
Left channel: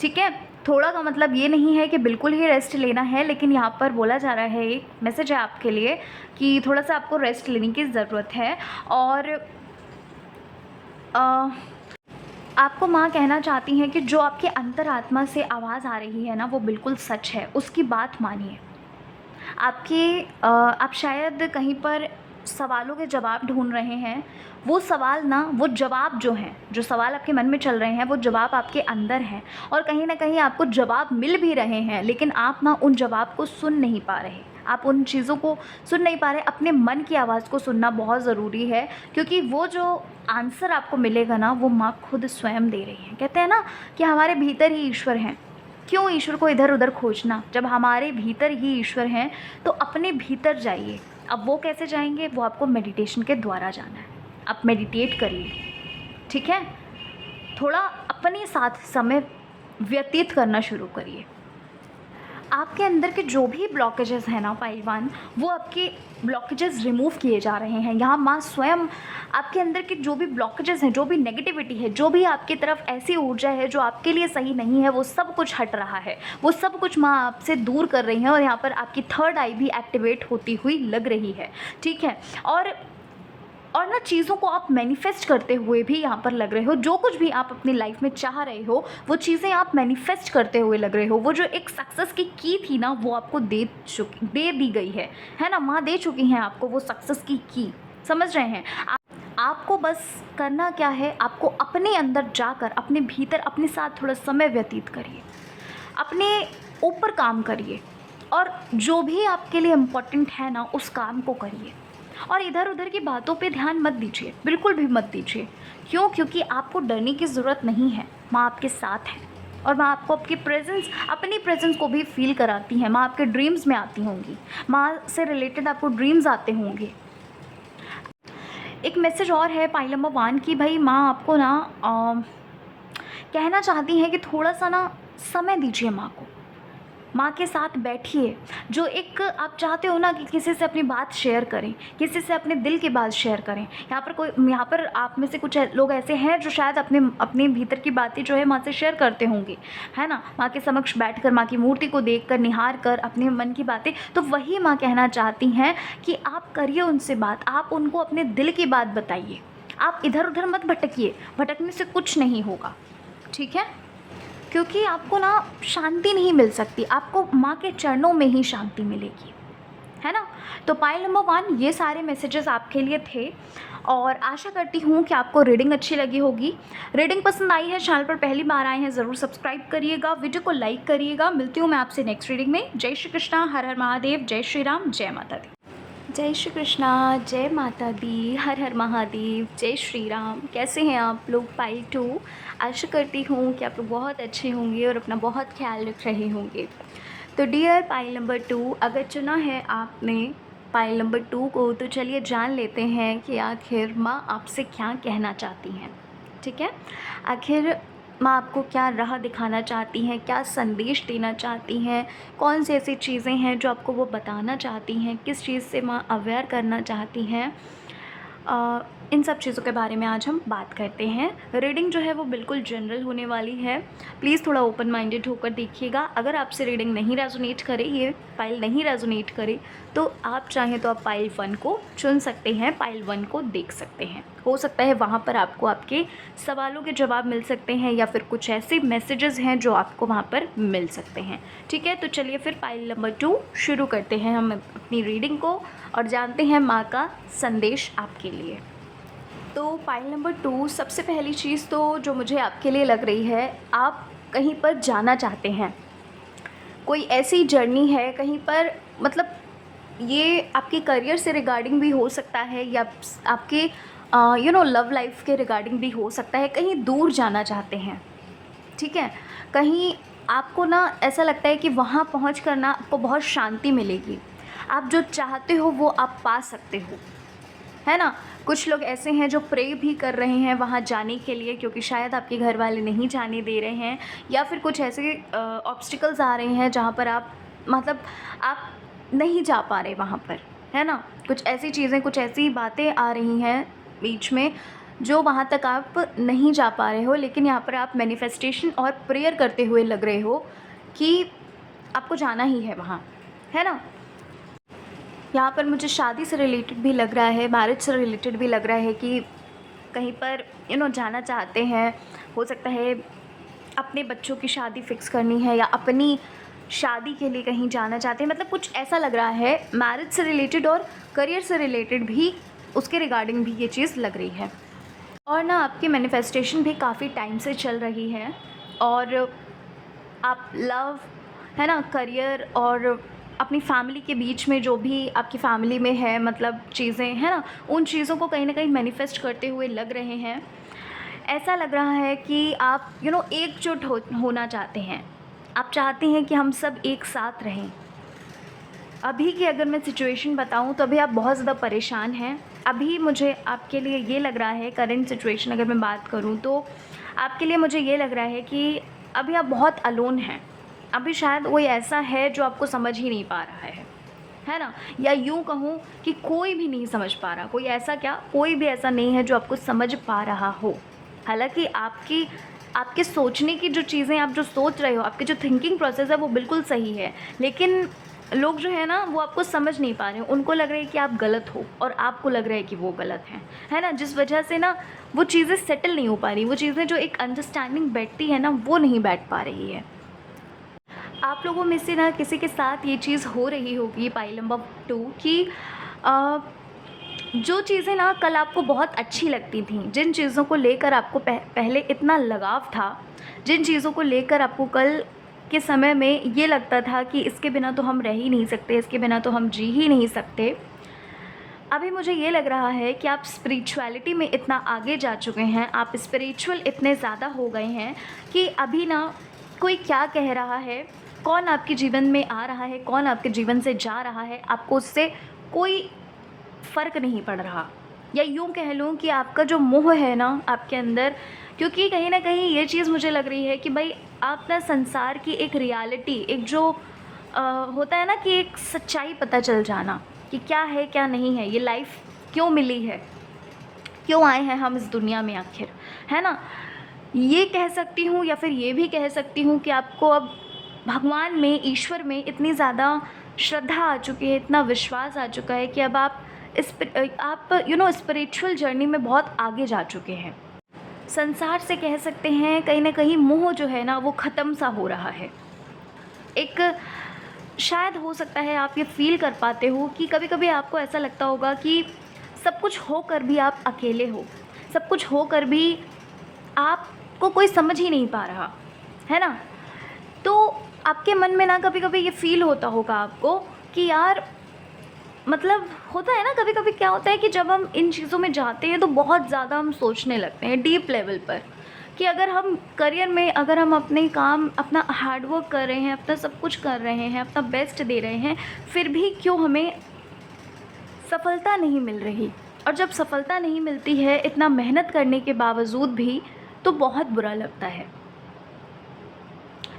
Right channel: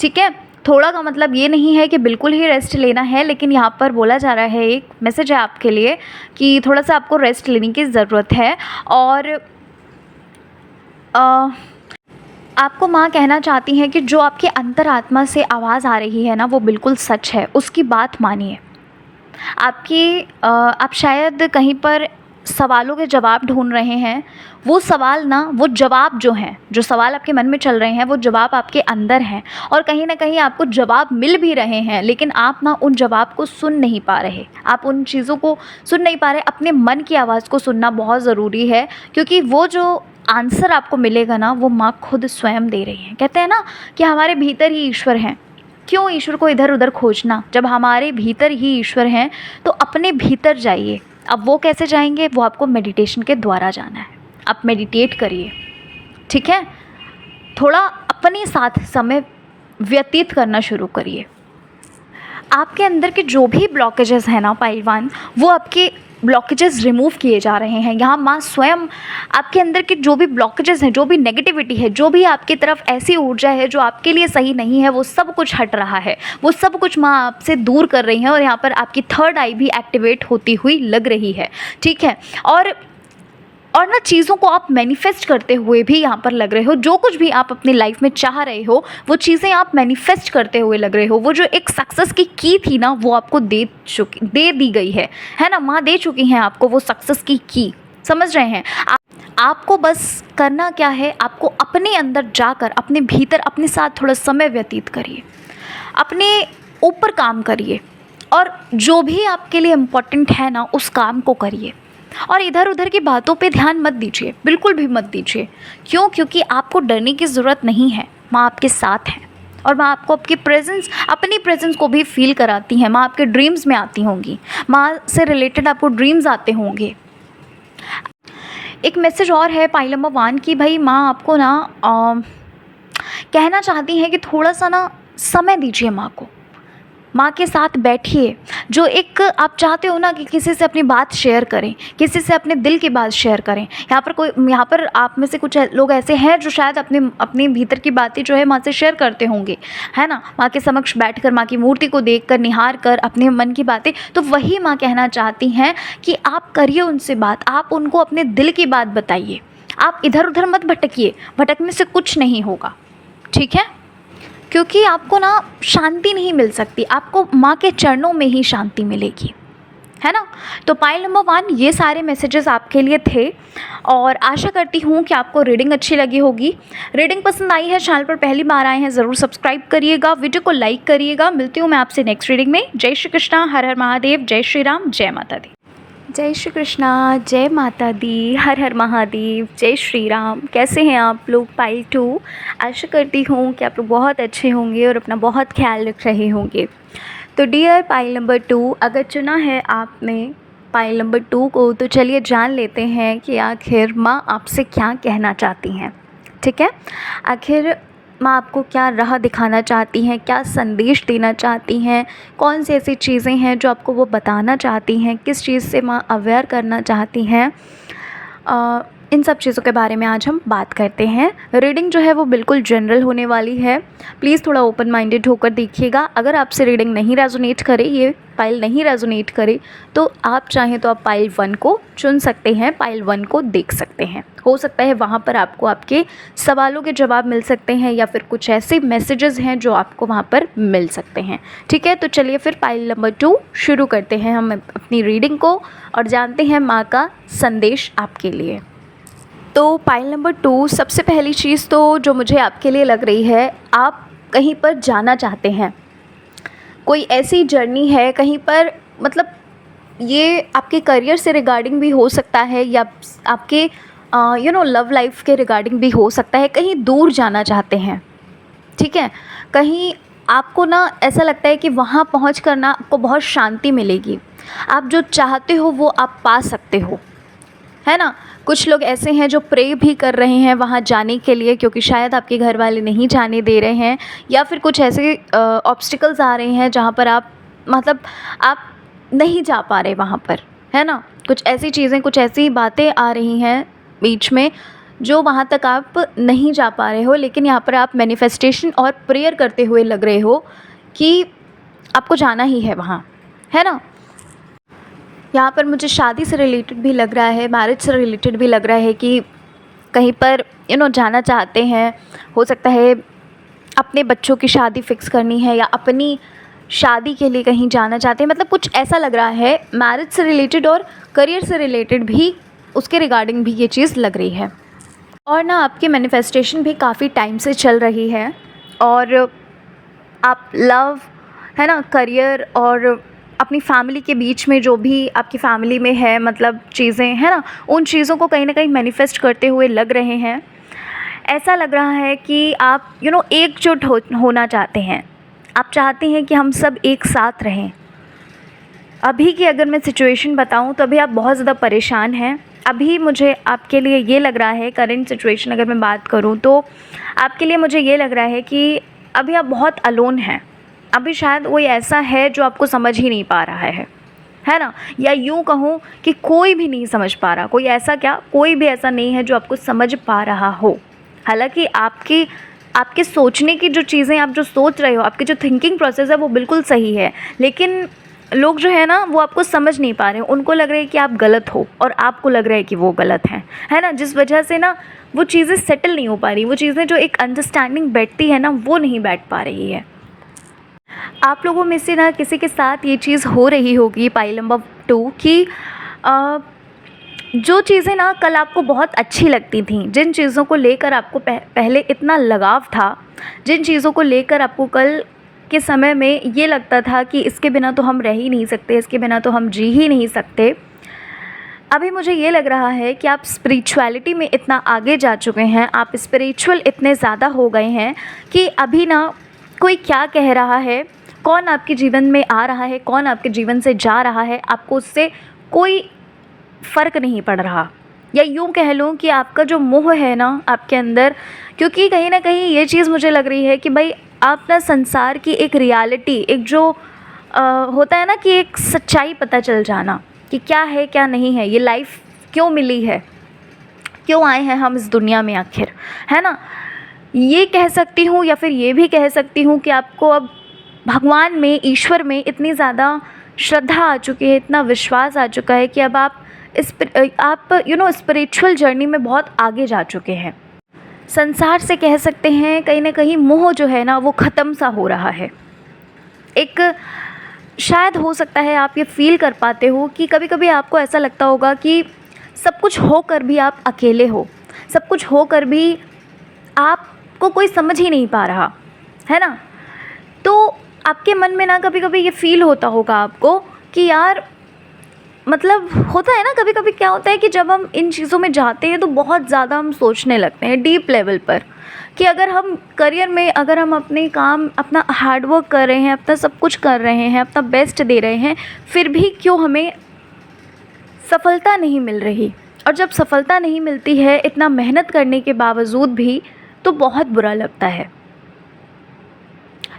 ठीक है। थोड़ा का मतलब ये नहीं है कि बिल्कुल ही रेस्ट लेना है, लेकिन यहाँ पर बोला जा रहा है, एक मैसेज है आपके लिए कि थोड़ा सा आपको रेस्ट लेने की ज़रूरत है। और आपको माँ कहना चाहती हैं कि जो आपके अंतरात्मा से आवाज़ आ रही है ना, वो बिल्कुल सच है, उसकी बात मानिए। आप शायद कहीं पर सवालों के जवाब ढूंढ रहे हैं, वो सवाल ना, वो जवाब जो हैं, जो सवाल आपके मन में चल रहे हैं, वो जवाब आपके अंदर हैं, और कहीं ना कहीं आपको जवाब मिल भी रहे हैं, लेकिन आप ना उन जवाब को सुन नहीं पा रहे, आप उन चीज़ों को सुन नहीं पा रहे। अपने मन की आवाज़ को सुनना बहुत ज़रूरी है, क्योंकि वो जो आंसर आपको मिलेगा ना, वो माँ खुद स्वयं दे रही हैं। कहते हैं ना कि हमारे भीतर ही ईश्वर हैं, क्यों ईश्वर को इधर उधर खोजना, जब हमारे भीतर ही ईश्वर हैं तो अपने भीतर जाइए। अब वो कैसे जाएंगे, वो आपको मेडिटेशन के द्वारा जाना है। आप मेडिटेट करिए, ठीक है, थोड़ा अपने साथ समय व्यतीत करना शुरू करिए। आपके अंदर के जो भी ब्लॉकेजेस हैं ना पहलवान, वो आपके ब्लॉकेजेस रिमूव किए जा रहे हैं। यहाँ माँ स्वयं आपके अंदर के जो भी ब्लॉकेजेस हैं, जो भी नेगेटिविटी है, जो भी आपकी तरफ ऐसी ऊर्जा है जो आपके लिए सही नहीं है, वो सब कुछ हट रहा है, वो सब कुछ माँ आपसे दूर कर रही है। और यहाँ पर आपकी थर्ड आई भी एक्टिवेट होती हुई लग रही है, ठीक है। और ना चीज़ों को आप मैनिफेस्ट करते हुए भी यहाँ पर लग रहे हो। जो कुछ भी आप अपनी लाइफ में चाह रहे हो वो चीज़ें आप मैनिफेस्ट करते हुए लग रहे हो। वो जो एक सक्सेस की थी ना, वो आपको दे दी गई है ना, माँ दे चुकी हैं आपको वो सक्सेस की समझ रहे हैं। आपको बस करना क्या है, आपको अपने अंदर जाकर अपने भीतर अपने साथ थोड़ा समय व्यतीत करिए, अपने ऊपर काम करिए, और जो भी आपके लिए इम्पोर्टेंट है ना उस काम को करिए। और इधर उधर की बातों पे ध्यान मत दीजिए, बिल्कुल भी मत दीजिए। क्यों? क्योंकि आपको डरने की ज़रूरत नहीं है, माँ आपके साथ है। और माँ आपको आपकी अपनी प्रेजेंस को भी फील कराती हैं। माँ आपके ड्रीम्स में आती होंगी, माँ से रिलेटेड आपको ड्रीम्स आते होंगे। एक मैसेज और है पाइल नंबर 1 की, भाई माँ आपको ना कहना चाहती हैं कि थोड़ा सा ना समय दीजिए माँ को, माँ के साथ बैठिए। जो एक आप चाहते हो ना कि किसी से अपनी बात शेयर करें, किसी से अपने दिल की बात शेयर करें। यहाँ पर आप में से कुछ लोग ऐसे हैं जो शायद अपने भीतर की बातें जो है माँ से शेयर करते होंगे, है ना, माँ के समक्ष बैठकर, माँ की मूर्ति को देखकर, निहार कर अपने मन की बातें। तो वही माँ कहना चाहती हैं कि आप करिए उनसे बात, आप उनको अपने दिल की बात बताइए। आप इधर उधर मत भटकिए, भटकने से कुछ नहीं होगा, ठीक है। क्योंकि आपको ना शांति नहीं मिल सकती, आपको माँ के चरणों में ही शांति मिलेगी, है ना। तो पाइल नंबर 1 ये सारे मैसेजेस आपके लिए थे, और आशा करती हूँ कि आपको रीडिंग अच्छी लगी होगी। रीडिंग पसंद आई है, चैनल पर पहली बार आए हैं ज़रूर सब्सक्राइब करिएगा, वीडियो को लाइक करिएगा। मिलती हूँ मैं आपसे नेक्स्ट रीडिंग में। जय श्री कृष्णा, हर हर महादेव, जय श्री राम, जय माता दी। जय श्री कृष्णा, जय माता दी, हर हर महादेव, जय श्री राम। कैसे हैं आप लोग? पाइल 2, आशा करती हूँ कि आप लोग बहुत अच्छे होंगे और अपना बहुत ख्याल रख रहे होंगे। तो डियर पाइल नंबर 2, अगर चुना है आपने पाइल नंबर 2 को, तो चलिए जान लेते हैं कि आखिर माँ आपसे क्या कहना चाहती हैं, ठीक है। आखिर माँ आपको क्या राह दिखाना चाहती हैं, क्या संदेश देना चाहती हैं, कौन सी ऐसी चीज़ें हैं जो आपको वो बताना चाहती हैं, किस चीज़ से माँ अवेयर करना चाहती हैं, इन सब चीज़ों के बारे में आज हम बात करते हैं। रीडिंग जो है वो बिल्कुल जनरल होने वाली है, प्लीज़ थोड़ा ओपन माइंडेड होकर देखिएगा। अगर आपसे रीडिंग नहीं रेजोनेट करे, ये पाइल नहीं रेजोनेट करे, तो आप चाहें तो आप पाइल 1 को चुन सकते हैं, पाइल 1 को देख सकते हैं। हो सकता है वहाँ पर आपको आपके सवालों के जवाब मिल सकते हैं, या फिर कुछ ऐसे मैसेजेस हैं जो आपको वहाँ पर मिल सकते हैं, ठीक है। तो चलिए फिर पाइल नंबर 2 शुरू करते हैं हम अपनी रीडिंग को, और जानते हैं माँ का संदेश आपके लिए। तो पाइल नंबर 2, सबसे पहली चीज़ तो जो मुझे आपके लिए लग रही है, आप कहीं पर जाना चाहते हैं, कोई ऐसी जर्नी है कहीं पर, मतलब ये आपके करियर से रिगार्डिंग भी हो सकता है, या आपके लव लाइफ के रिगार्डिंग भी हो सकता है। कहीं दूर जाना चाहते हैं, ठीक है। कहीं आपको ना ऐसा लगता है कि वहाँ पहुँच कर ना आपको बहुत शांति मिलेगी, आप जो चाहते हो वो आप पा सकते हो, है ना। कुछ लोग ऐसे हैं जो प्रे भी कर रहे हैं वहाँ जाने के लिए, क्योंकि शायद आपके घर वाले नहीं जाने दे रहे हैं, या फिर कुछ ऐसे ऑब्स्टिकल्स आ रहे हैं जहाँ पर आप नहीं जा पा रहे वहाँ पर, है ना। कुछ ऐसी चीज़ें, कुछ ऐसी बातें आ रही हैं बीच में जो वहाँ तक आप नहीं जा पा रहे हो, लेकिन यहाँ पर आप मैनिफेस्टेशन और प्रेयर करते हुए लग रहे हो कि आपको जाना ही है वहाँ, है ना। यहाँ पर मुझे शादी से रिलेटेड भी लग रहा है, मैरिज से रिलेटेड भी लग रहा है कि कहीं पर जाना चाहते हैं। हो सकता है अपने बच्चों की शादी फ़िक्स करनी है, या अपनी शादी के लिए कहीं जाना चाहते हैं, मतलब कुछ ऐसा लग रहा है। मैरिज से रिलेटेड और करियर से रिलेटेड भी, उसके रिगार्डिंग भी ये चीज़ लग रही है। और ना आपकी मैनिफेस्टेशन भी काफ़ी टाइम से चल रही है, और आप लव, है ना, करियर और अपनी फैमिली के बीच में जो भी आपकी फैमिली में है, मतलब चीज़ें हैं ना, उन चीज़ों को कहीं ना कहीं मैनिफेस्ट करते हुए लग रहे हैं। ऐसा लग रहा है कि आप एकजुट होना चाहते हैं, आप चाहते हैं कि हम सब एक साथ रहें। अभी की अगर मैं सिचुएशन बताऊं तो अभी आप बहुत ज़्यादा परेशान हैं। अभी मुझे आपके लिए ये लग रहा है, करंट सिचुएशन अगर मैं बात करूं तो आपके लिए मुझे ये लग रहा है कि अभी आप बहुत अलोन हैं। अभी शायद कोई ऐसा है जो आपको समझ ही नहीं पा रहा है ना? या यूँ कहूँ कि कोई भी नहीं समझ पा रहा। कोई ऐसा क्या, कोई भी ऐसा नहीं है जो आपको समझ पा रहा हो। हालाँकि आपके सोचने की जो चीज़ें आप जो सोच रहे हो, आपकी जो थिंकिंग प्रोसेस है वो बिल्कुल सही है, लेकिन लोग जो है ना वो आपको समझ नहीं पा रहे हैं। उनको लग रहा है कि आप गलत हो और आपको लग रहा है कि वो गलत हैं, है ना? जिस वजह से ना वो चीज़ें सेटल नहीं हो पा रही, वो चीज़ें जो एक अंडरस्टैंडिंग बैठती है ना वो नहीं बैठ पा रही है। आप लोगों में से ना किसी के साथ ये चीज़ हो रही होगी पाइल नंबर 2 कि जो चीज़ें ना कल आपको बहुत अच्छी लगती थीं, जिन चीज़ों को लेकर आपको पहले इतना लगाव था, जिन चीज़ों को लेकर आपको कल के समय में ये लगता था कि इसके बिना तो हम रह ही नहीं सकते, इसके बिना तो हम जी ही नहीं सकते, अभी मुझे ये लग रहा है कि आप स्पिरिचुअलिटी में इतना आगे जा चुके हैं, आप स्पिरिचुअल इतने ज़्यादा हो गए हैं कि अभी ना कोई क्या कह रहा है, कौन आपके जीवन में आ रहा है, कौन आपके जीवन से जा रहा है, आपको उससे कोई फ़र्क नहीं पड़ रहा। या यूँ कह लूँ कि आपका जो मोह है ना आपके अंदर, क्योंकि कहीं ना कहीं ये चीज़ मुझे लग रही है कि भाई आप ना संसार की एक रियलिटी, एक जो होता है ना कि एक सच्चाई पता चल जाना कि क्या है क्या नहीं है, ये लाइफ क्यों मिली है, क्यों आए हैं हम इस दुनिया में आखिर, है ना? ये कह सकती हूँ या फिर ये भी कह सकती हूँ कि आपको अब भगवान में, ईश्वर में इतनी ज़्यादा श्रद्धा आ चुकी है, इतना विश्वास आ चुका है कि अब आप स्पिरिचुअल जर्नी में बहुत आगे जा चुके हैं। संसार से कह सकते हैं कहीं ना कहीं मोह जो है ना वो ख़त्म सा हो रहा है। एक शायद हो सकता है आप ये फील कर पाते हो कि कभी कभी आपको ऐसा लगता होगा कि सब कुछ होकर भी आप अकेले हो, सब कुछ होकर भी आपको कोई समझ ही नहीं पा रहा, है ना? तो आपके मन में ना कभी कभी ये फील होता होगा आपको कि यार, मतलब होता है ना कभी कभी क्या होता है कि जब हम इन चीज़ों में जाते हैं तो बहुत ज़्यादा हम सोचने लगते हैं डीप लेवल पर कि अगर हम करियर में, अगर हम अपने काम, अपना हार्डवर्क कर रहे हैं, अपना सब कुछ कर रहे हैं, अपना बेस्ट दे रहे हैं, फिर भी क्यों हमें सफलता नहीं मिल रही। और जब सफलता नहीं मिलती है इतना मेहनत करने के बावजूद भी, तो बहुत बुरा लगता है।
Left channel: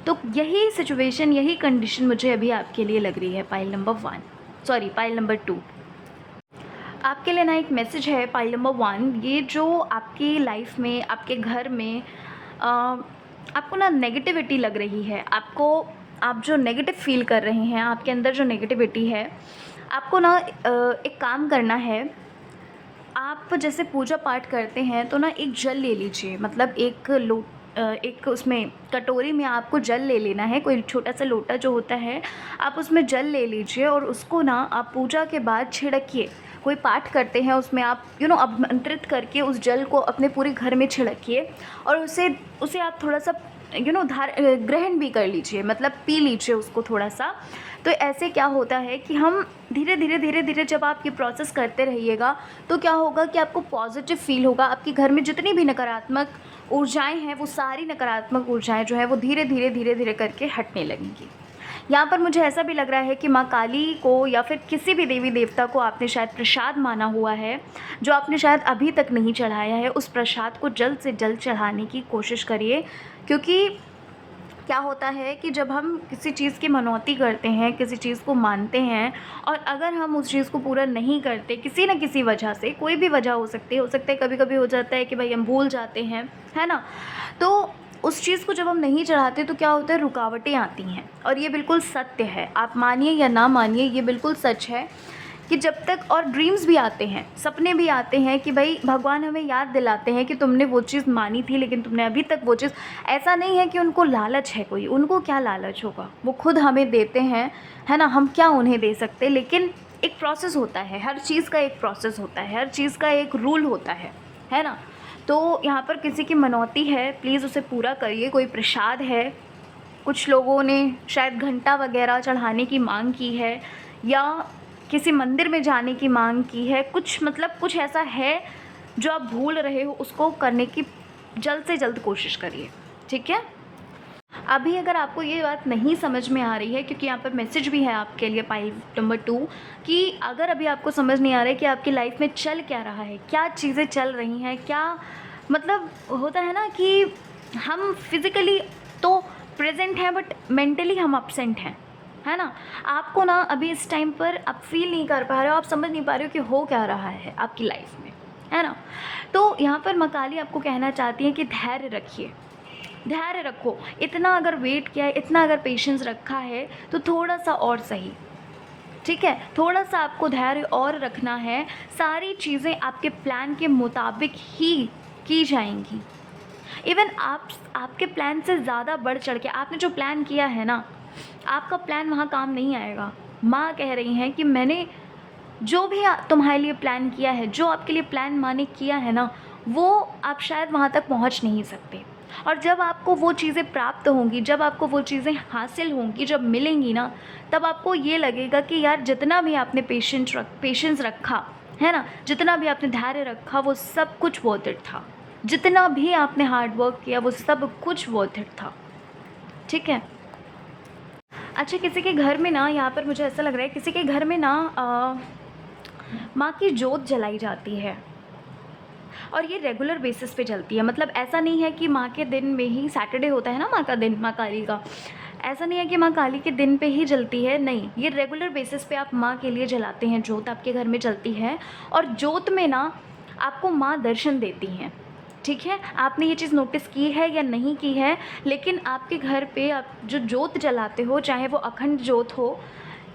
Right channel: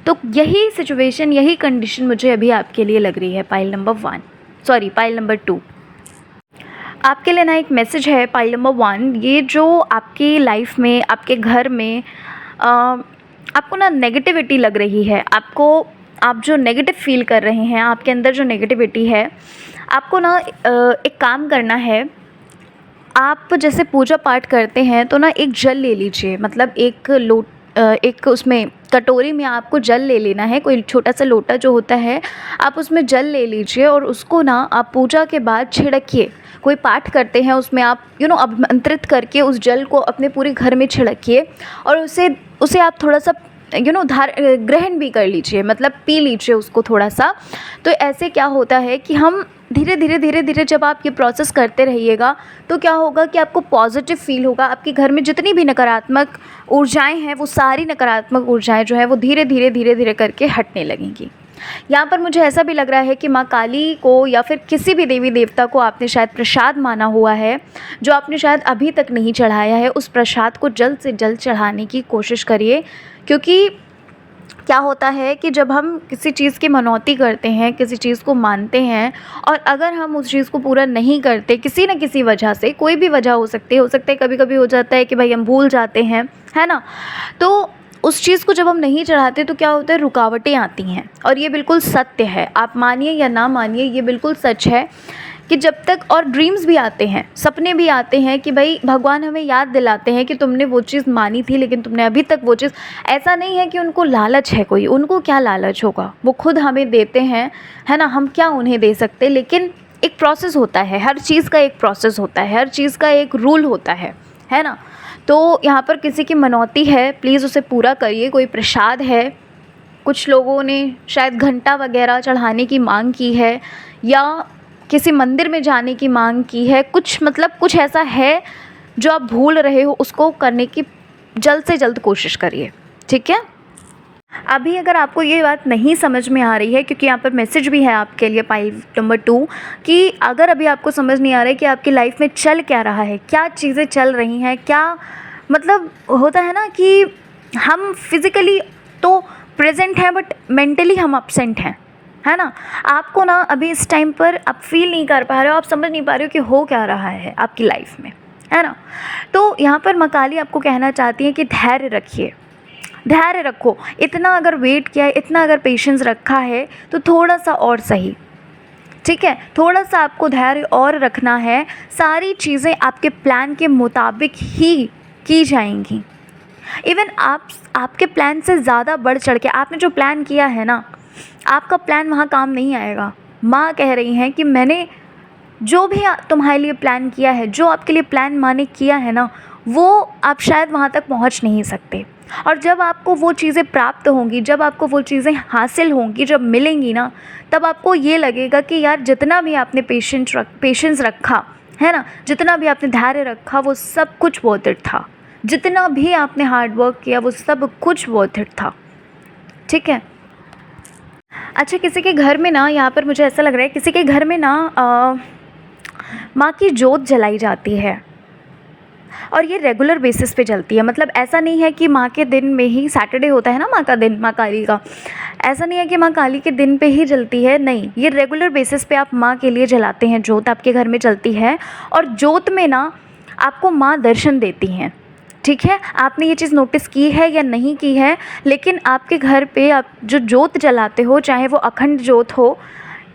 तो यही सिचुएशन, यही कंडीशन मुझे अभी आपके लिए लग रही है पाइल नंबर 2। आपके लिए ना एक मैसेज है पाइल नंबर 1। ये जो आपकी लाइफ में, आपके घर में आपको ना नेगेटिविटी लग रही है, आप जो नेगेटिव फील कर रहे हैं, आपके अंदर जो नेगेटिविटी है, आपको ना एक काम करना है। आप जैसे पूजा पाठ करते हैं तो ना एक जल ले लीजिए, मतलब एक उसमें कटोरी में आपको जल ले लेना है, कोई छोटा सा लोटा जो होता है आप उसमें जल ले लीजिए और उसको ना आप पूजा के बाद छिड़किए। कोई पाठ करते हैं उसमें आप आमंत्रित करके उस जल को अपने पूरे घर में छिड़किए और उसे आप थोड़ा सा ग्रहण भी कर लीजिए, मतलब पी लीजिए उसको थोड़ा सा। तो ऐसे क्या होता है कि हम धीरे धीरे जब आप ये प्रोसेस करते रहिएगा तो क्या होगा कि आपको पॉजिटिव फील होगा। आपके घर में जितनी भी नकारात्मक ऊर्जाएं हैं, वो सारी नकारात्मक ऊर्जाएं जो है वो धीरे धीरे करके हटने लगेंगी। यहाँ पर मुझे ऐसा भी लग रहा है कि माँ काली को या फिर किसी भी देवी देवता को आपने शायद प्रसाद माना हुआ है, जो आपने शायद अभी तक नहीं चढ़ाया है, उस प्रसाद को जल्द से जल्द चढ़ाने की कोशिश करिए। क्योंकि क्या होता है कि जब हम किसी चीज़ की मनौती करते हैं, किसी चीज़ को मानते हैं और अगर हम उस चीज़ को पूरा नहीं करते किसी न किसी वजह से, कोई भी वजह हो सकती है, कभी कभी हो जाता है कि भाई हम भूल जाते हैं, है ना? तो उस चीज़ को जब हम नहीं चढ़ाते तो क्या होता है, रुकावटें आती हैं। और ये बिल्कुल सत्य है, आप मानिए या ना मानिए, ये बिल्कुल सच है कि जब तक, और ड्रीम्स भी आते हैं, सपने भी आते हैं कि भाई भगवान हमें याद दिलाते हैं कि तुमने वो चीज़ मानी थी लेकिन तुमने अभी तक वो चीज़, ऐसा नहीं है कि उनको लालच है कोई, उनको क्या लालच होगा, वो खुद हमें देते हैं, है ना? हम क्या उन्हें दे सकते, लेकिन एक प्रोसेस होता है, हर चीज़ का एक प्रोसेस होता है, हर चीज़ का एक रूल होता है ना? तो यहाँ पर किसी की मनौती है, प्लीज़ उसे पूरा करिए। कोई प्रसाद है, कुछ लोगों ने शायद घंटा वगैरह चढ़ाने की मांग की है या किसी मंदिर में जाने की मांग की है, कुछ ऐसा है जो आप भूल रहे हो, उसको करने की जल्द से जल्द कोशिश करिए, ठीक है? अभी अगर आपको ये बात नहीं समझ में आ रही है, क्योंकि यहाँ पर मैसेज भी है आपके लिए पाइल नंबर 2, कि अगर अभी आपको समझ नहीं आ रहा है कि आपकी लाइफ में चल क्या रहा है, क्या चीज़ें चल रही हैं, क्या मतलब होता है ना कि हम फिज़िकली तो प्रेजेंट हैं बट मेंटली हम अपसेंट हैं, है ना। आपको ना अभी इस टाइम पर आप फील नहीं कर पा रहे हो, आप समझ नहीं पा रहे हो कि हो क्या रहा है आपकी लाइफ में, है ना। तो यहाँ पर माँ काली आपको कहना चाहती है कि धैर्य रखिए, धैर्य रखो। इतना अगर वेट किया है, इतना अगर पेशेंस रखा है, तो थोड़ा सा और सही, ठीक है, थोड़ा सा आपको धैर्य और रखना है। सारी चीज़ें आपके प्लान के मुताबिक ही की जाएंगी। इवन आपके प्लान से ज़्यादा बढ़ चढ़ के आपने जो प्लान किया है ना, आपका प्लान वहाँ काम नहीं आएगा। माँ कह रही हैं कि मैंने जो भी तुम्हारे लिए प्लान किया है, जो आपके लिए प्लान माँ ने किया है ना, वो आप शायद वहाँ तक पहुँच नहीं सकते। और जब आपको वो चीज़ें प्राप्त होंगी, जब आपको वो चीज़ें हासिल होंगी, जब मिलेंगी ना, तब आपको ये लगेगा कि यार जितना भी आपने पेशेंस रखा है ना, जितना भी आपने धैर्य रखा, वो सब कुछ वर्थ इट था। जितना भी आपने हार्ड वर्क किया, वो सब कुछ वर्थ इट था, ठीक है। अच्छा, किसी के घर में ना, यहाँ पर मुझे ऐसा लग रहा है किसी के घर में ना माँ की जोत जलाई जाती है, और ये रेगुलर बेसिस पे चलती है। मतलब ऐसा नहीं है कि माँ के दिन में ही, सैटरडे होता है ना माँ का दिन, माँ काली का, ऐसा नहीं है कि माँ काली के दिन पे ही जलती है, नहीं, ये रेगुलर बेसिस पे आप माँ के लिए जलाते हैं, जोत आपके घर में चलती है। और जोत में ना आपको माँ दर्शन देती हैं, ठीक है। आपने ये चीज़ नोटिस की है या नहीं की है, लेकिन आपके घर पे आप जो जोत जलाते हो, चाहे वो अखंड जोत हो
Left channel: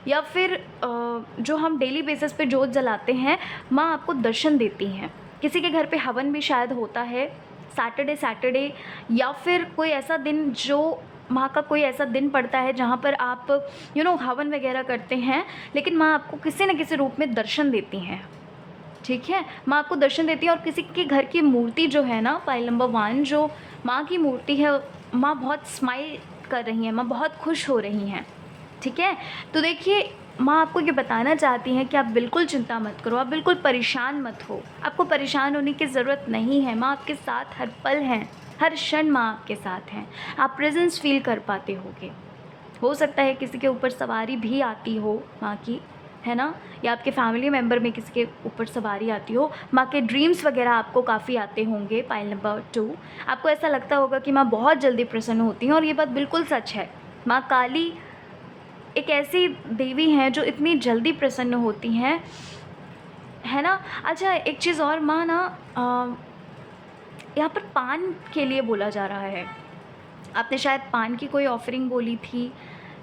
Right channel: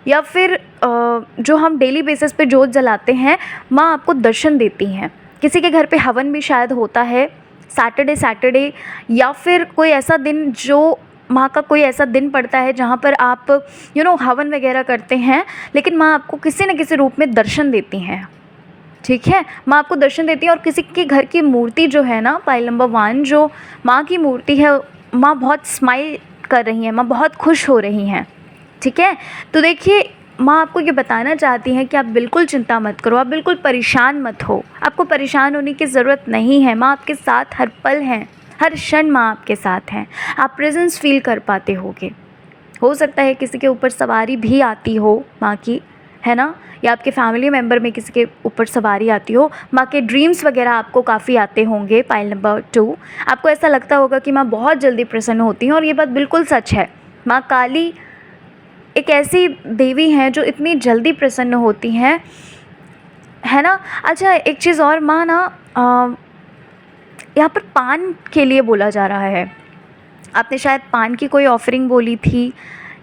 या फिर जो हम डेली बेसिस पे जोत जलाते हैं, माँ आपको दर्शन देती हैं। किसी के घर पे हवन भी शायद होता है सैटरडे, या फिर कोई ऐसा दिन जो माँ का कोई ऐसा दिन पड़ता है जहाँ पर आप हवन वगैरह करते हैं, लेकिन माँ आपको किसी न किसी रूप में दर्शन देती हैं, ठीक है। माँ आपको दर्शन देती है। और किसी के घर की मूर्ति जो है ना, पाइल नंबर 1, जो माँ की मूर्ति है, माँ बहुत स्माइल कर रही हैं, माँ बहुत खुश हो रही हैं, ठीक है। तो देखिए, माँ आपको ये बताना चाहती हैं कि आप बिल्कुल चिंता मत करो, आप बिल्कुल परेशान मत हो, आपको परेशान होने की ज़रूरत नहीं है। माँ आपके साथ हर पल हैं, हर क्षण माँ आपके साथ हैं। आप प्रेजेंस फील कर पाते होगे। हो सकता है किसी के ऊपर सवारी भी आती हो माँ की, है ना, या आपके फैमिली मेम्बर में किसी के ऊपर सवारी आती हो। माँ के ड्रीम्स वगैरह आपको काफ़ी आते होंगे। पाइल नंबर 2, आपको ऐसा लगता होगा कि माँ बहुत जल्दी प्रसन्न होती हैं, और ये बात बिल्कुल सच है। माँ काली एक ऐसी देवी हैं जो इतनी जल्दी प्रसन्न होती हैं, है ना। अच्छा, एक चीज़ और, माँ ना यहाँ पर पान के लिए बोला जा रहा है। आपने शायद पान की कोई ऑफरिंग बोली थी,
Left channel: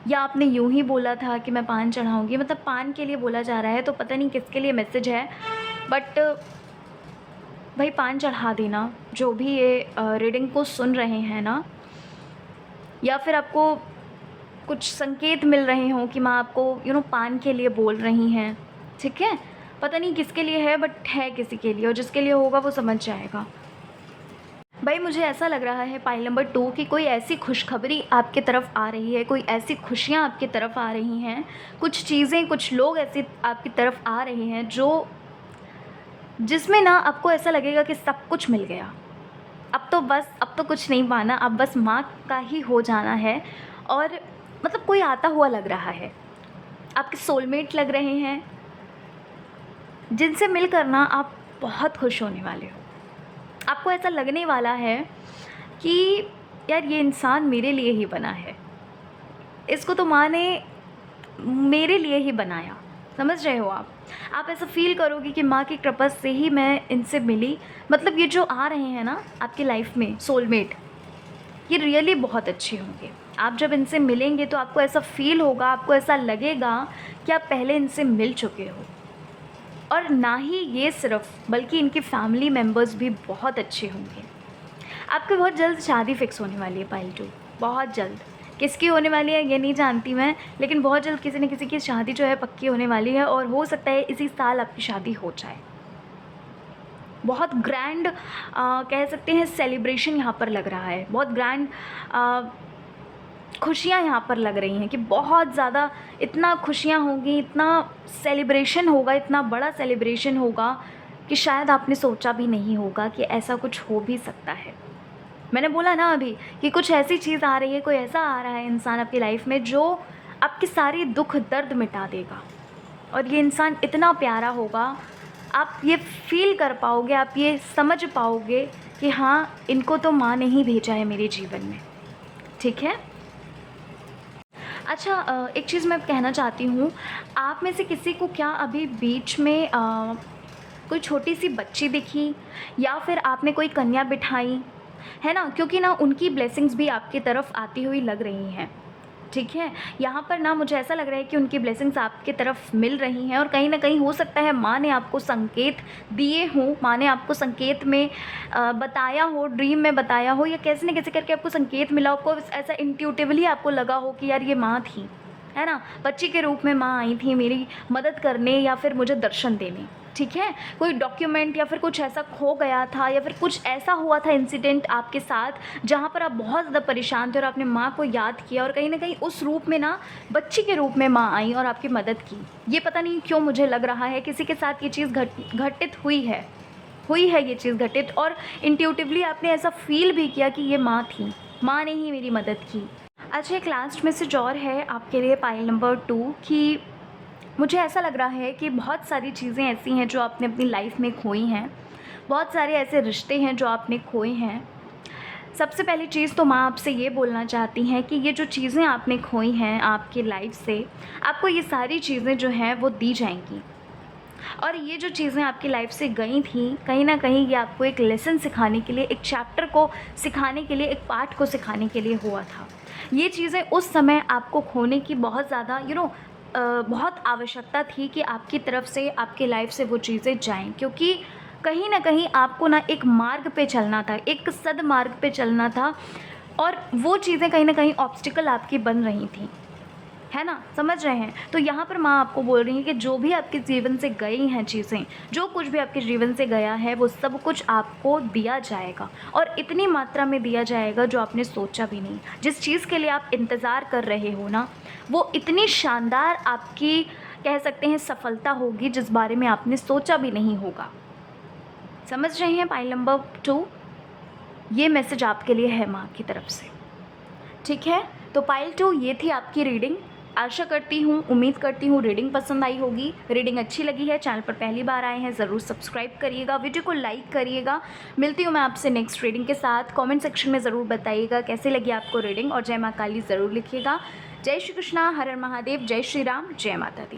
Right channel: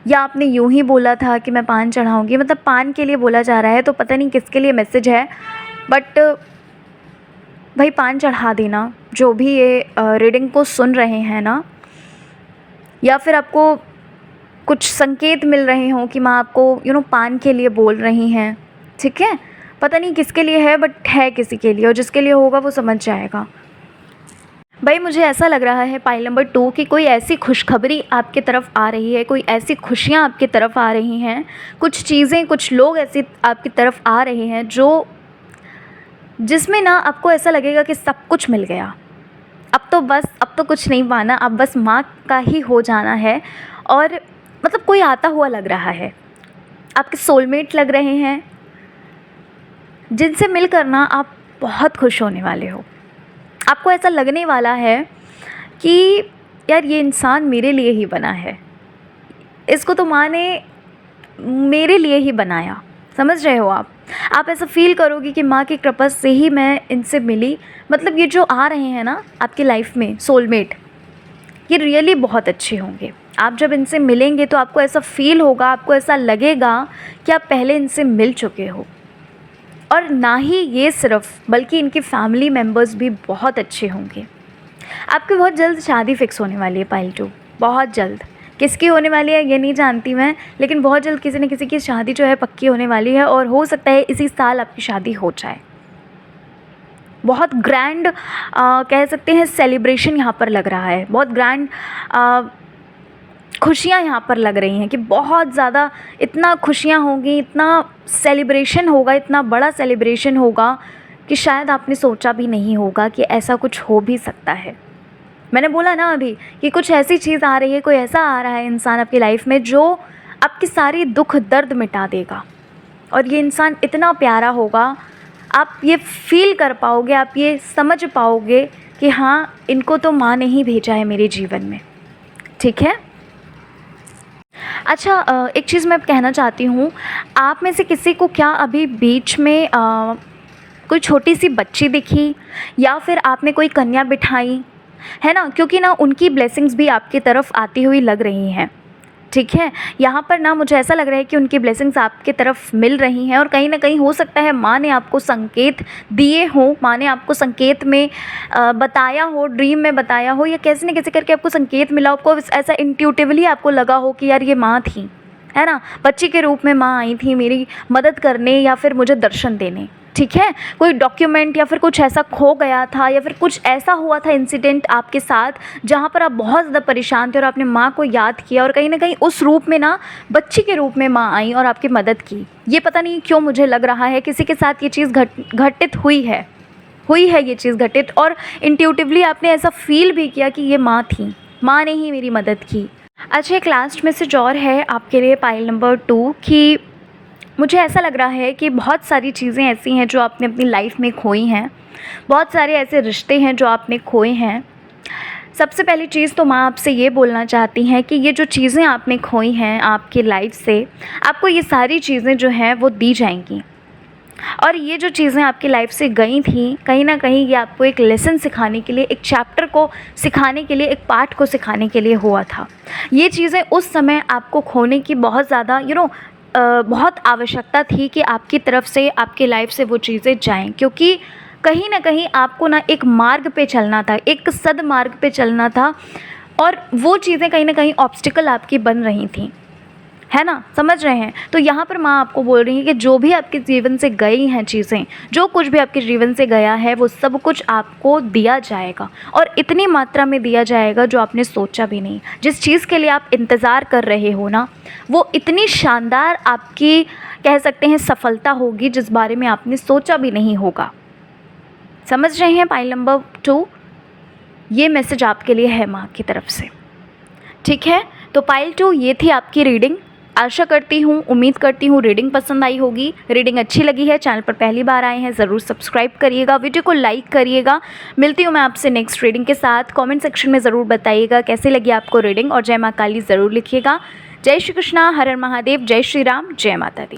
या आपने यूं ही बोला था कि मैं पान चढ़ाऊंगी, मतलब पान के लिए बोला जा रहा है। तो पता नहीं किसके लिए मैसेज है, बट भाई पान चढ़ा देना। जो भी ये रीडिंग को सुन रहे हैं ना, या फिर आपको कुछ संकेत मिल रहे हों कि माँ आपको पान के लिए बोल रही हैं, ठीक है। पता नहीं किसके लिए है, बट है किसी के लिए, और जिसके लिए होगा वो समझ जाएगा। भाई मुझे ऐसा लग रहा है पाइल नंबर 2 कि कोई ऐसी खुशखबरी आपके तरफ आ रही है, कोई ऐसी खुशियाँ आपकी तरफ आ रही हैं, कुछ चीज़ें, कुछ लोग ऐसे आपकी तरफ आ रहे हैं जिसमें ना आपको ऐसा लगेगा कि सब कुछ मिल गया, अब तो कुछ नहीं पाना, अब बस माँ का ही हो जाना है। और मतलब कोई आता हुआ लग रहा है, आपके सोलमेट लग रहे हैं, जिनसे मिलकर ना आप बहुत खुश होने वाले हो। आपको ऐसा लगने वाला है कि यार ये इंसान मेरे लिए ही बना है, इसको तो माँ ने मेरे लिए ही बनाया, समझ रहे हो आप ऐसा फील करोगे कि माँ की कृपा से ही मैं इनसे मिली। मतलब ये जो आ रहे हैं ना आपकी लाइफ में सोलमेट, ये रियली बहुत अच्छे होंगे। आप जब इनसे मिलेंगे तो आपको ऐसा फील होगा, आपको ऐसा लगेगा कि आप पहले इनसे मिल चुके हो। और ना ही ये सिर्फ, बल्कि इनके फैमिली मेम्बर्स भी बहुत अच्छे होंगे। आपकी बहुत जल्द शादी फिक्स होने वाली है पाइल 2, बहुत जल्द। किसकी होने वाली है ये नहीं जानती मैं, लेकिन बहुत जल्द किसी न किसी की शादी जो है पक्की होने वाली है, और हो सकता है इसी साल आपकी शादी हो जाए। बहुत ग्रैंड कह सकते हैं सेलिब्रेशन यहाँ पर लग रहा है, बहुत ग्रैंड खुशियाँ यहाँ पर लग रही हैं कि बहुत ज़्यादा, इतना खुशियाँ होंगी, इतना सेलिब्रेशन होगा, इतना बड़ा सेलिब्रेशन होगा कि शायद आपने सोचा भी नहीं होगा कि ऐसा कुछ हो भी सकता है। मैंने बोला ना अभी कि कुछ ऐसी चीज़ आ रही है, कोई ऐसा आ रहा है इंसान आपकी लाइफ में जो आपकी सारी दुख दर्द मिटा देगा। और ये इंसान इतना प्यारा होगा, आप ये फ़ील कर पाओगे, आप ये समझ पाओगे कि हाँ, इनको तो माँ ने ही भेजा है मेरे जीवन में। ठीक है। अच्छा, एक चीज़ मैं कहना चाहती हूँ, आप में से किसी को क्या अभी बीच में कोई छोटी सी बच्ची दिखी, या फिर आपने कोई कन्या बिठाई है ना? क्योंकि ना उनकी ब्लेसिंग्स भी आपकी तरफ आती हुई लग रही हैं। ठीक है, यहाँ पर ना मुझे ऐसा लग रहा है कि उनकी ब्लेसिंग्स आपके तरफ मिल रही हैं, और कहीं ना कहीं हो सकता है माँ ने आपको संकेत दिए हों, माँ ने आपको संकेत में बताया हो, ड्रीम में बताया हो, या कैसे न कैसे करके आपको संकेत मिला, आपको ऐसा इंट्यूटिवली आपको लगा हो कि यार ये माँ थी, है ना, बच्ची के रूप में माँ आई थी मेरी मदद करने या फिर मुझे दर्शन देने। ठीक है, कोई डॉक्यूमेंट या फिर कुछ ऐसा खो गया था, या फिर कुछ ऐसा हुआ था इंसिडेंट आपके साथ जहाँ पर आप बहुत ज़्यादा परेशान थे और आपने माँ को याद किया, और कहीं ना कहीं उस रूप में ना बच्ची के रूप में माँ आई और आपकी मदद की। ये पता नहीं क्यों मुझे लग रहा है किसी के साथ ये चीज़ घटित हुई है ये चीज़ घटित, और इंट्यूटिवली आपने ऐसा फील भी किया कि ये माँ थी, माँ ने ही मेरी मदद की। अच्छा, एक लास्ट मैसेज और है आपके लिए पाइल नंबर 2 कि मुझे ऐसा लग रहा है कि बहुत सारी चीज़ें ऐसी हैं जो आपने अपनी लाइफ में खोई हैं, बहुत सारे ऐसे रिश्ते हैं जो आपने खोए हैं। सबसे पहली चीज़ तो माँ आपसे ये बोलना चाहती हैं कि ये जो चीज़ें आपने खोई हैं आपकी लाइफ से, आपको ये सारी चीज़ें जो हैं वो दी जाएंगी। और ये जो चीज़ें आपकी लाइफ से गई थी, कहीं ना कहीं ये आपको एक लेसन सिखाने के लिए, एक चैप्टर को सिखाने के लिए, एक पाठ को सिखाने के लिए हुआ था। ये चीज़ें उस समय आपको खोने की बहुत ज़्यादा बहुत आवश्यकता थी कि आपकी तरफ से, आपकी लाइफ से वो चीज़ें जाएं, क्योंकि कहीं ना कहीं आपको ना एक मार्ग पे चलना था, एक सदमार्ग पे चलना था, और वो चीज़ें कहीं ना कहीं ऑब्स्टिकल आपकी बन रही थी, है ना, समझ रहे हैं? तो यहाँ पर माँ आपको बोल रही है कि जो भी आपके जीवन से गई हैं चीज़ें, जो कुछ भी आपके जीवन से गया है, वो सब कुछ आपको दिया जाएगा, और इतनी मात्रा में दिया जाएगा जो आपने सोचा भी नहीं। जिस चीज़ के लिए आप इंतज़ार कर रहे हो ना, वो इतनी शानदार आपकी कह सकते हैं सफलता होगी जिस बारे में आपने सोचा भी नहीं होगा। समझ रहे हैं? पाइल नंबर 2, ये मैसेज आपके लिए है माँ की तरफ से। ठीक है, तो पाइल 2 ये थी आपकी रीडिंग। आशा करती हूँ, उम्मीद करती हूँ रीडिंग पसंद आई होगी। रीडिंग अच्छी लगी है, चैनल पर पहली बार आए हैं, ज़रूर सब्सक्राइब करिएगा, वीडियो को लाइक करिएगा। मिलती हूँ मैं आपसे नेक्स्ट रीडिंग के साथ। कमेंट सेक्शन में ज़रूर बताइएगा कैसी लगी आपको रीडिंग, और जय माँ काली ज़रूर लिखिएगा। जय श्री कृष्णा, हर हर महादेव, जय श्री राम, जय माता दी।